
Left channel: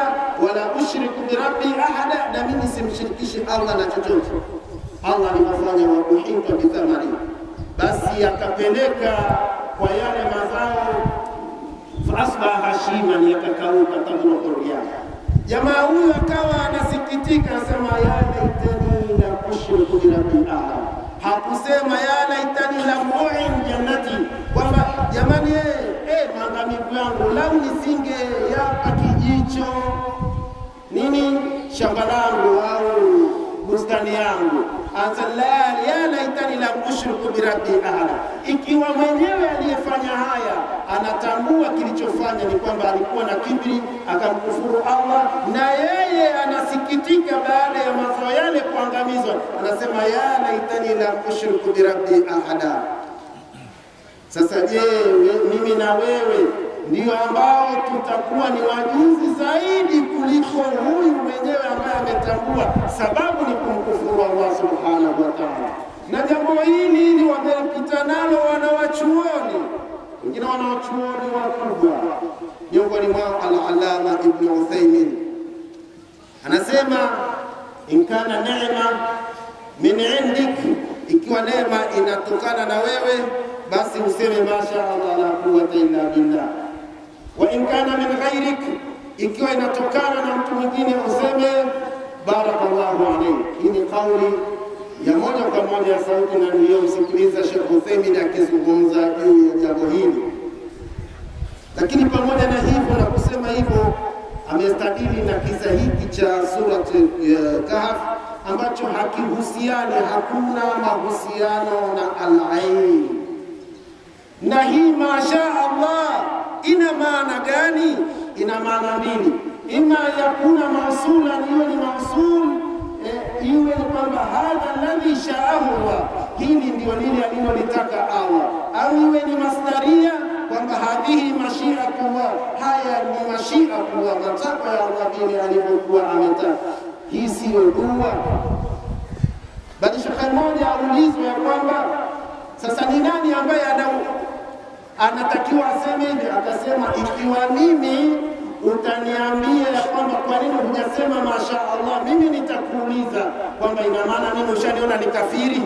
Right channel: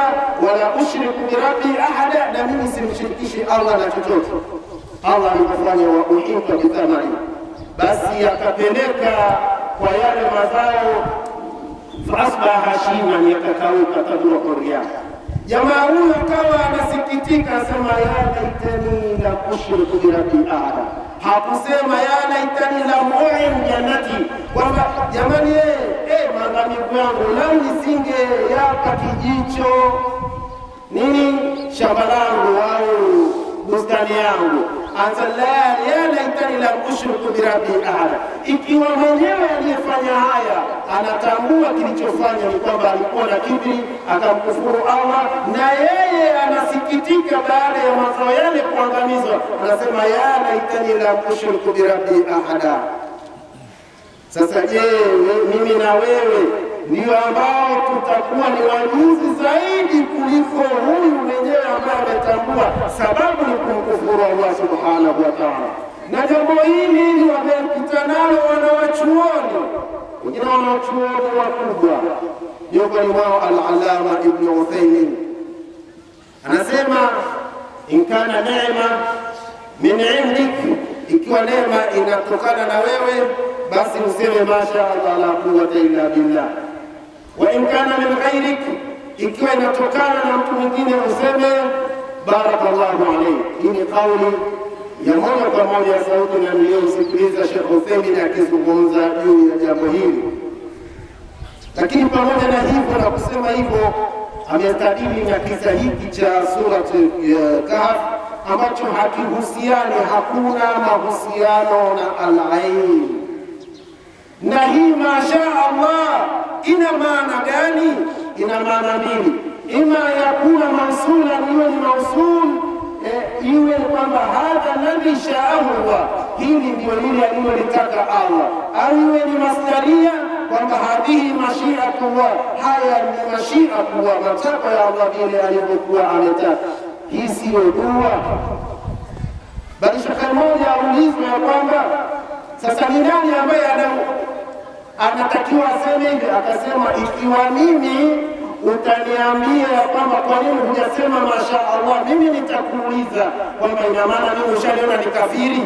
wala ushriku bi rabbi ahada, na mimi simshirikishi Allah na chochote. Allah alimfanya wa uhita bi thamari, basi akapeleka kwa yale mazao, fa asbaha hashiman, yakakauka tabla qurya. Jamaa huyu akawa anasikitika, anasema ya laitani la ushriku bi rabbi ahada. Hakusema ya laitani la mu'in jannati, kwamba jamani maangamivu yangu, lau nisinge yapa kijicho nini shamba langu au bustani yangu. Ya laitani la ushriku bi rabbi ahada. Ikiwa mwenyewe aliyefanya haya anatambua kilichofanya ni kwamba alikuwa na kibri akamkufuru Allah, na yeye anasikitika baada ya mazao yale kuangamizwa, anasema ya laitani la ushriku bi rabbi ahada. Sasa je, mimi na wewe ndio ambao tutakuwa ni wajuzi zaidi kuliko huyu mwenyewe ambaye ametambua sababu ni kumkufuru Allah subhanahu wa ta'ala. Na jambo hili ni wamepita nalo wanawachuoni, wengine wanawachuoni wakubwa, miongoni mwao al-Allama Ibn Uthaymin anasema, in kana neema min indik, ikiwa neema inatokana na wewe basi useme masha Allah la quwwata illa billah. Wa in kana min ghairik, ikiwa inatokana na mtu mwingine useme barakallahu alayhi. Hii ni kauli ya moja kwa moja sauti na niliyomsikiliza Sheikh Uthaymeen akizungumza juu ya jambo hili. Lakini pamoja na hivyo na kusema hivyo, amestadili na kisa hiki cha surat Kahf ambacho hakihusiani, hakuna mahusiano na al-ain. Na hii masha Allah ina maana gani? Ina maana mbili, ima yakuna mausulan, iwe ni mausul, iwe ni kwamba hadha alladhi sha'ahu Allah, hili ndio lile alilolitaka Allah, au iwe ni masdaria kwamba hadhihi mashiatullah, haya ni mashiatullah, matakwa ya Allah vile alivyokuwa ametaka. Hii siyo dua, bali shekhe mmoja aulizwe ya kwamba sasa ni nani ambaye anatakiwa aseme hivi, akasema ikiwa mimi utaniambia ya kwamba kwa nini hujasema masha Allah, mimi nitakuuliza kwamba ina maana mimi ushaliona ni kafiri?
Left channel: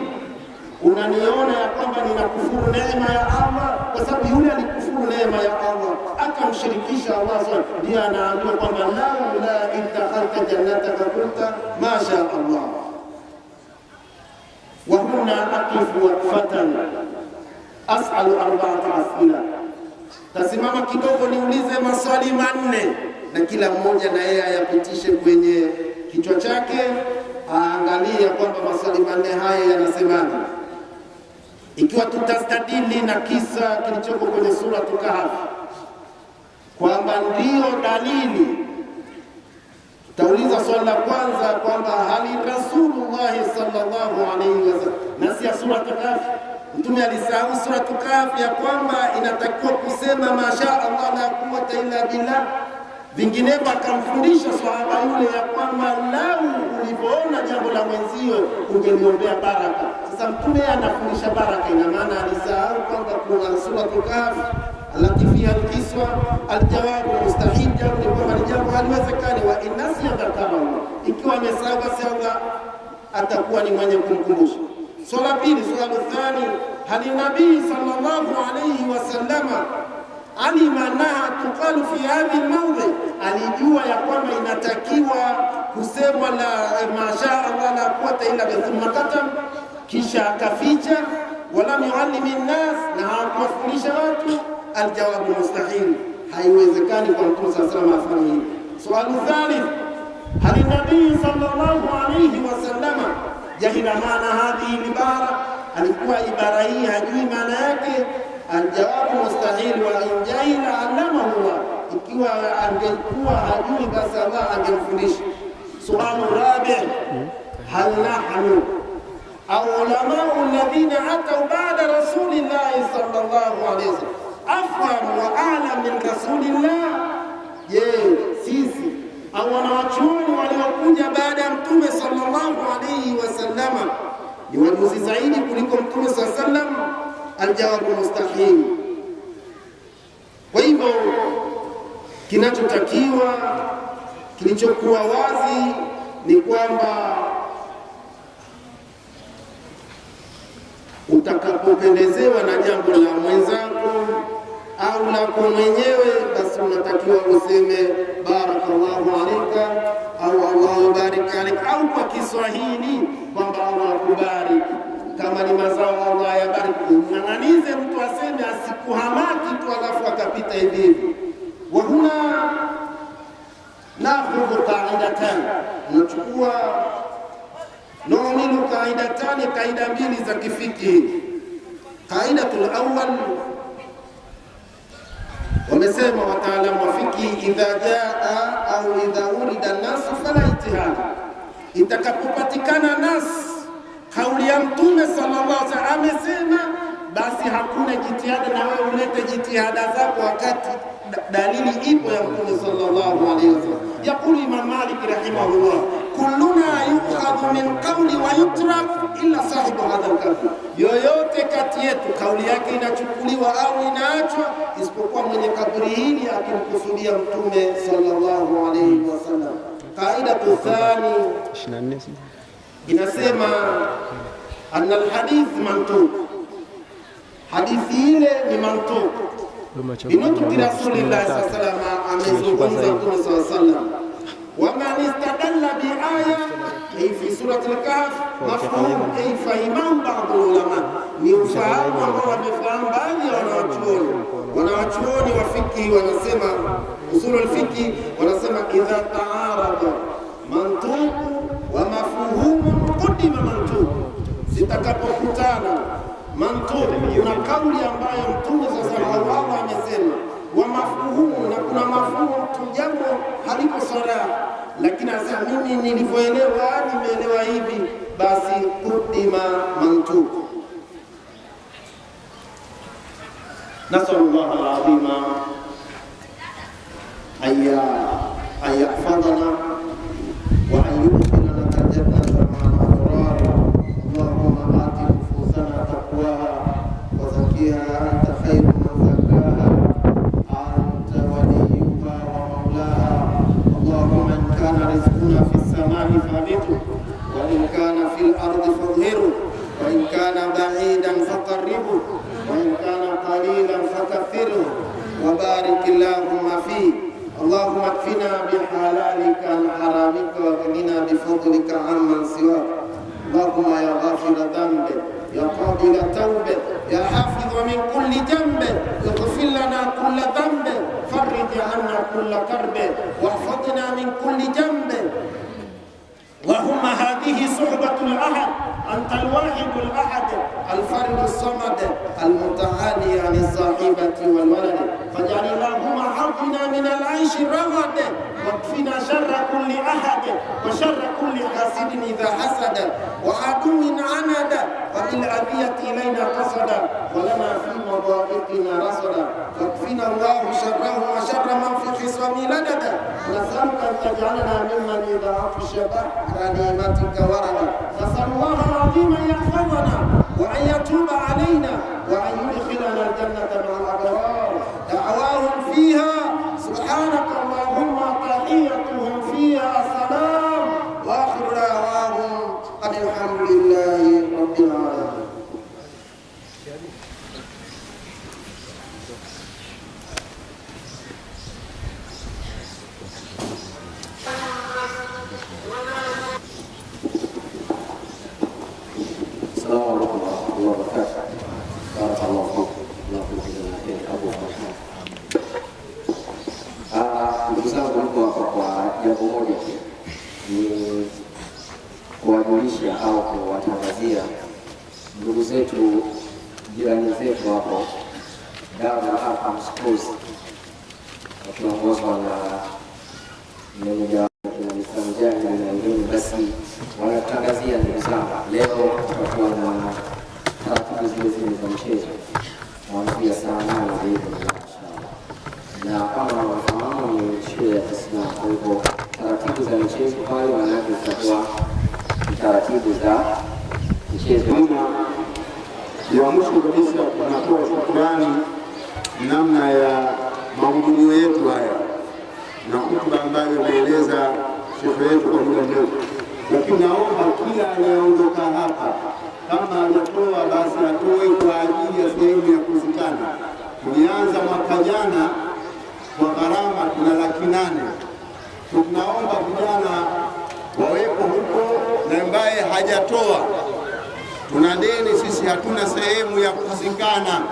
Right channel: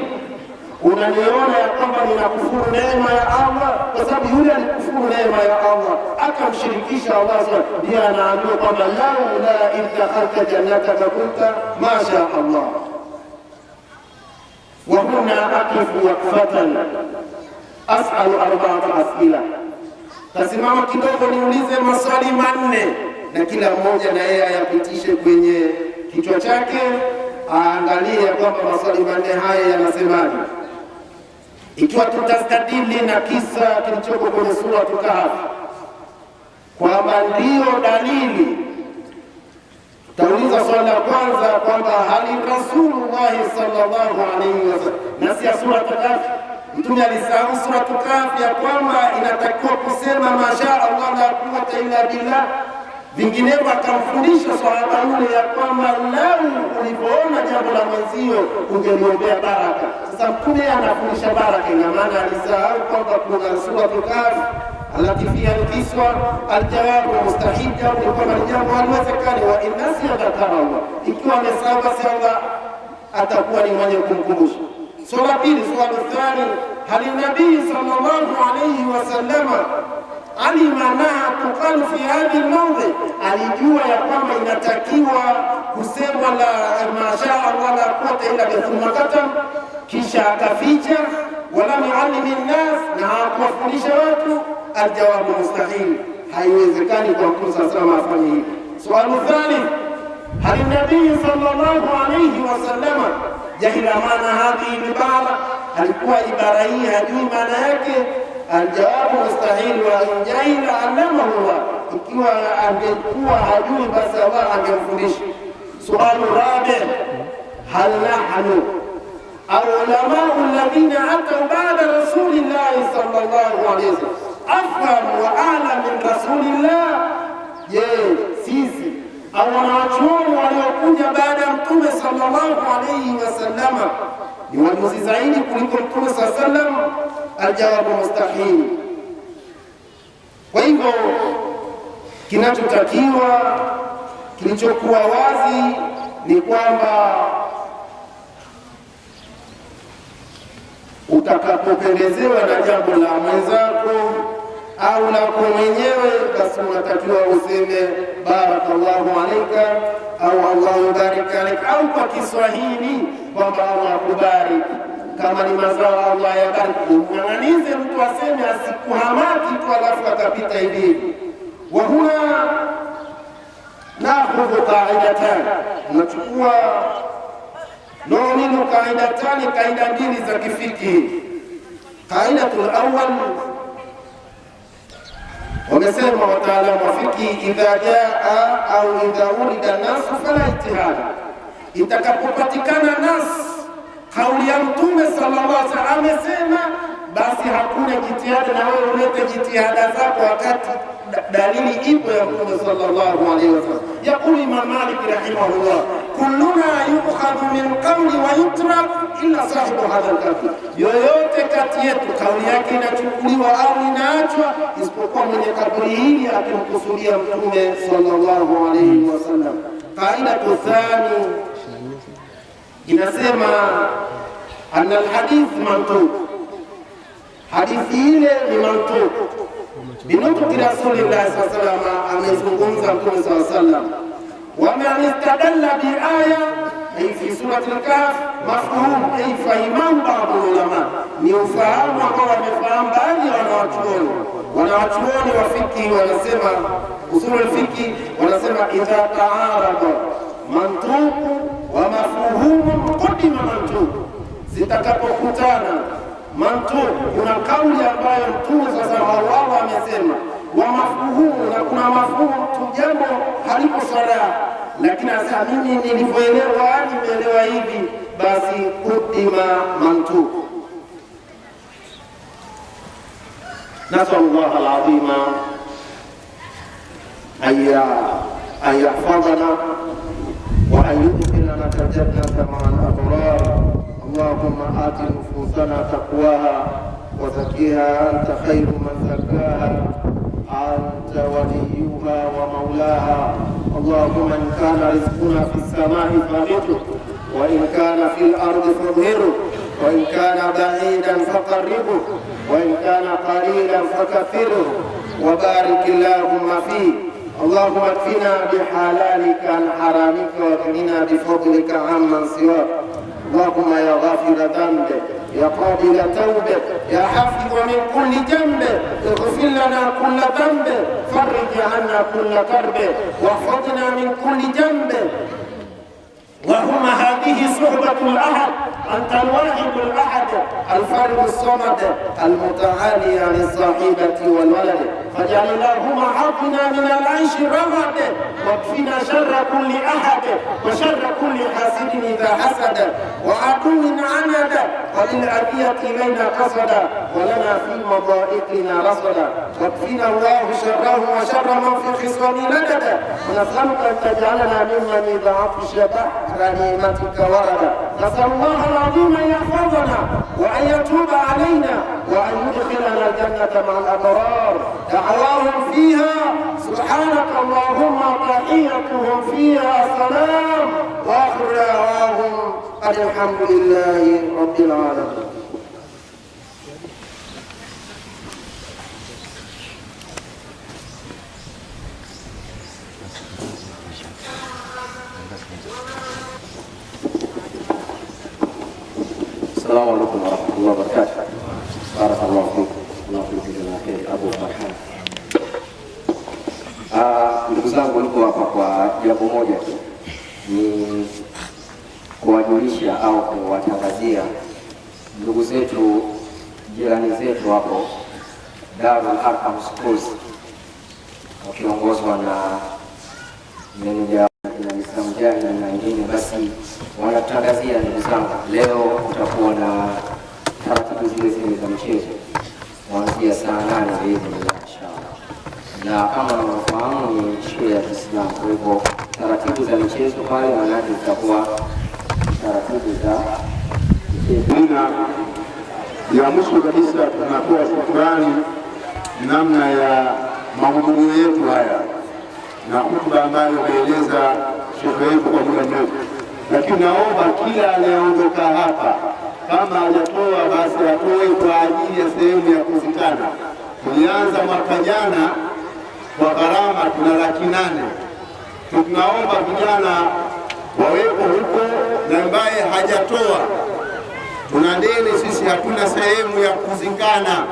Unaniona ya kwamba ninakufuru neema ya Allah? Kwa sababu yule alikufuru neema ya Allah akamshirikisha Allah, ndiye anaambiwa kwamba la idakhalta jannataka kunta masha Allah. Wa huna aqifu waqfatan as'alu arba'ata as'ila. Tasimama kidogo niulize maswali manne, na kila mmoja na yeye ayapitishe kwenye kichwa chake, aangalie kwamba maswali manne haya yanasemaje. Ikiwa tutastadili na kisa kilichoko kwenye sura Kahf kwamba ndio dalili, tutauliza swali la kwanza kwamba hali Rasulullah sallallahu alayhi wasallam, nasi ya sura Kahf, Mtume alisahau sura Kahf ya kwamba inatakiwa kusema masha Allah la quwwata illa billah, vinginevyo akamfundisha sahaba yule ya kwamba lau ulipoona jambo la mwenzio ungeliombea baraka. Sasa Mtume anafundisha baraka, ina maana alisahau kwamba kuna sura Kahf alati fiha alqiswa aljawabu mustahil, jawabu ni kwamba ni jambo haliwezekani. Wa innasi dhakara Allah, ikiwa amesahau basi Allah atakuwa ni mwenye kumkumbusha. Swala pili, swala thani, hali nabii sallallahu alayhi wasallama alima naha tuqalu fi hadhihi almawdi, alijua ya kwamba inatakiwa kusemwa la masha Allah la quwwata illa billah, thumma katam, kisha akaficha. Wala yuallimi nnas, na hakuwafundisha watu. Aljawabu mustahil, haiwezekani kwa Mtume sallallahu alayhi wasallam afanye hivyo. Swali thalith, hali nabii sallallahu alayhi wasallama jahila maana hadhihi ibara, alikuwa ibara hii hajui maana yake. Aljawabu mustahil, wa in jahila allamahu Allah, ikiwa angekuwa hajui basi Allah angemfundisha. Sualu rabi, hal nahnu au ulamau alladhina atau ba'da rasulillahi sallallahu alayhi wasallam afham wa a'lam min rasulillah. Je, sisi au wanawachuoni waliokuja baada ya Mtume sallallahu alayhi wasallama ni wajuzi zaidi kuliko Mtume sallallahu alayhi wasallam? Aljawabu mustahil. Kwa hivyo kinachotakiwa, kilichokuwa wazi ni kwamba utakapopendezewa na jambo la mwenzako au lako mwenyewe, basi unatakiwa useme barakallahu alayka au Allahu yubarik alayka, au kwa Kiswahili kwamba Allah akubariki. Kama ni mazao Allah yabariki, ng'ang'anize mtu aseme, asikuhamaki tu alafu akapita hivi hivi. Wa huna nakhudhu qaidatan, unachukua nomino qaidatani, kaida mbili za kifiki. Qaidatul awwal, wamesema wataalamu wa fiki, idha jaa au idha urida nasu fala ijtihad, itakapopatikana nas, kauli ya Mtume sallallahu alaihi wasallam amesema, basi hakuna jitihada na wewe ulete jitihada zako wakati dalili ipo ya Mtume sallallahu alaihi wasallam. Yaqulu Imam Malik rahimahullah, kulluna yu'khadhu min qawli wa yutrak illa sahibu hadha al-qabr, yoyote kati yetu kauli yake inachukuliwa au inaachwa isipokuwa mwenye kaburi hili akimkusudia Mtume sallallahu alaihi wasallam. Qaidatu thani inasema anna alhadith mantuq, hadithi ile ni mantuq binutuki Rasulillah sallallahu alaihi wasallam, amezungumza Mtume sallallahu alaihi wasallam. Wa man istadalla bi aya ay fi surati al-Kahf mafhum ay fahimahu ba'd ulama, ni ufahamu ambao wamefahamu baadhi ya wanawachuoni wa fiqh. Wanasema usulul fiqh, wanasema idha ta'arada mantuq wa mafhumun qudima mantuq, zitakapokutana mantuq, kuna kauli ambayo Mtume sasa Allah amesema, wa mafhumu, na kuna mafhumu tu, jambo haliko sara, lakini sasa mimi nilivyoelewa nimeelewa hivi, basi qudima mantuq. Nasallallahu alazima an yahfadhana wa an yudkhilana jannata ma'al abrar. Allahumma ati nufusana taqwaha wa zakkiha anta khairu man zakkaha anta waliyuha wa maulaha. Allahumma in kana rizquna fis samai fabithu wa in kana fil ardi fadhhiru wa in kana ba'idan faqarribhu wa in kana qalilan fakathiru wa barik Allahumma fi. اللهم اكفنا بحلالك عن حرامك واغننا بفضلك عمن سواك. اللهم يا غافر ذنب، يا قابل توبه، يا حافظ من كل جنب، اغفر لنا كل ذنب، فرج عنا كل كرب، واحفظنا من كل جنب. وهم هذه صحبة الأحد، أنت الواحد الأحد الفرد الصمد المتعالي عن الصاحبة والولد، فاجعل اللهم حظنا من العيش الرغد، واكفنا شر كل أحد وشر كل حاسد إذا حسد وعدو عند، وللأذية إلينا قصد ولنا في مضائقنا رصدا، واكفنا الله شره وشر من في خصام لدد، ونسألك أن تجعلنا ممن يضاعف الشبح غنيمتك وردا. نسأل الله العظيم أن يحفظنا وأن يتوب علينا وأن يدخلنا الجنة مع الأبرار. دعواهم فيها سبحانك اللهم، تحيتهم فيها سلام، وآخر دعواهم الحمد لله رب العالمين. Assalamu alaikum warahmatullahi wabarakatuh. Barakallahu fikum. Alhamdulillah Abu Farhan. Ndugu zangu, niko hapa kwa jambo moja tu, ni kuwajulisha au kuwatangazia ndugu zetu, jirani zetu hapo Darul Arqam Schools, wakiongozwa na meneja na Islam Jani na wengine, basi wanataka kutangazia ndugu zangu, leo kutakuwa na taratibu zile za michezo kuanzia saa 8 inshallah, na kama mnafahamu ni shule ya Kiislamu, kwa hivyo taratibu za michezo pale wanawake zitakuwa taratibu za michezo. Ya mwisho kabisa tunatoa shukrani namna ya mahudhurio yetu haya na hotuba ambayo ameeleza shekhe wetu kwa muda mrefu, lakini naomba kila anayeondoka hapa kama hajatoa basi atoe kwa ajili ya sehemu ya kuzikana. Tulianza mwaka jana kwa gharama tuna 800,000. Tunaomba vijana wawepo huko, na ambaye hajatoa tuna deni sisi, hatuna sehemu ya kuzikana.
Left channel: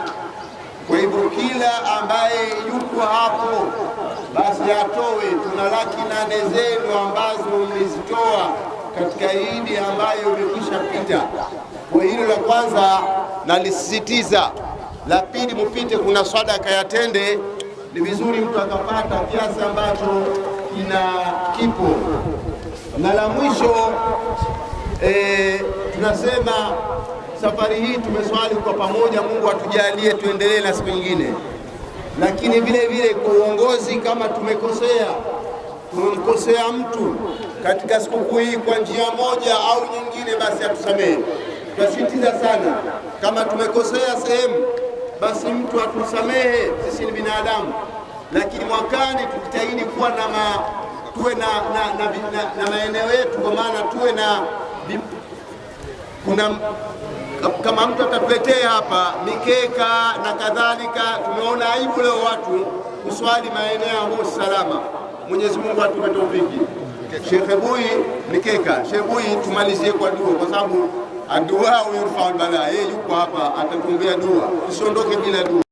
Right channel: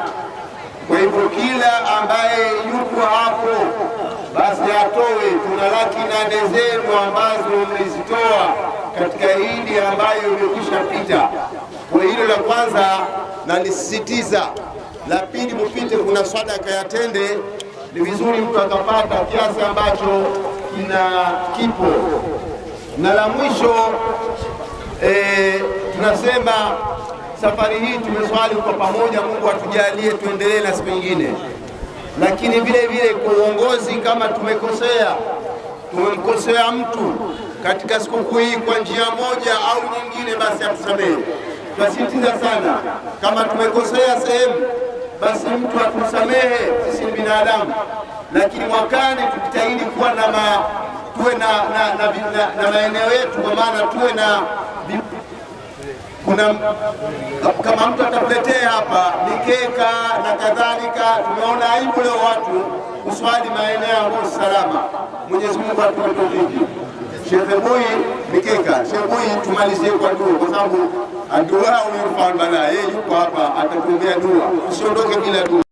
Kwa hivyo kila ambaye yuko hapo basi atoe. Tuna 800,000 zenu ambazo mlizitoa katika Idi ambayo imekwisha pita. Kwa hilo la kwanza nalisisitiza. La pili, mpite, kuna sadaka ya tende, ni vizuri mtu akapata kiasi ambacho kipo. Na la mwisho tunasema safari hii tumeswali kwa pamoja, Mungu atujalie tuendelee na siku nyingine. Lakini vile vile kwa uongozi, kama tumemkosea mtu katika sikukuu hii kwa njia moja au nyingine, basi atusamehe. Tunasisitiza sana, kama tumekosea sehemu basi mtu atusamehe, sisi ni binadamu. Lakini mwakani tujitahidi kuwa tuwe na maeneo yetu, kwa maana tuwe na kama mtu atatuletea hapa mikeka na kadhalika. Tumeona aibu leo watu kuswali maeneo ambayo salama. Mwenyezi Mungu atupe tawfiki. Sheikh Bui mikeka, Sheikh Bui tumalizie kwa dua, kwa sababu adua yurfa al-bala. Yeye yuko hapa atatuombea dua, usiondoke bila dua.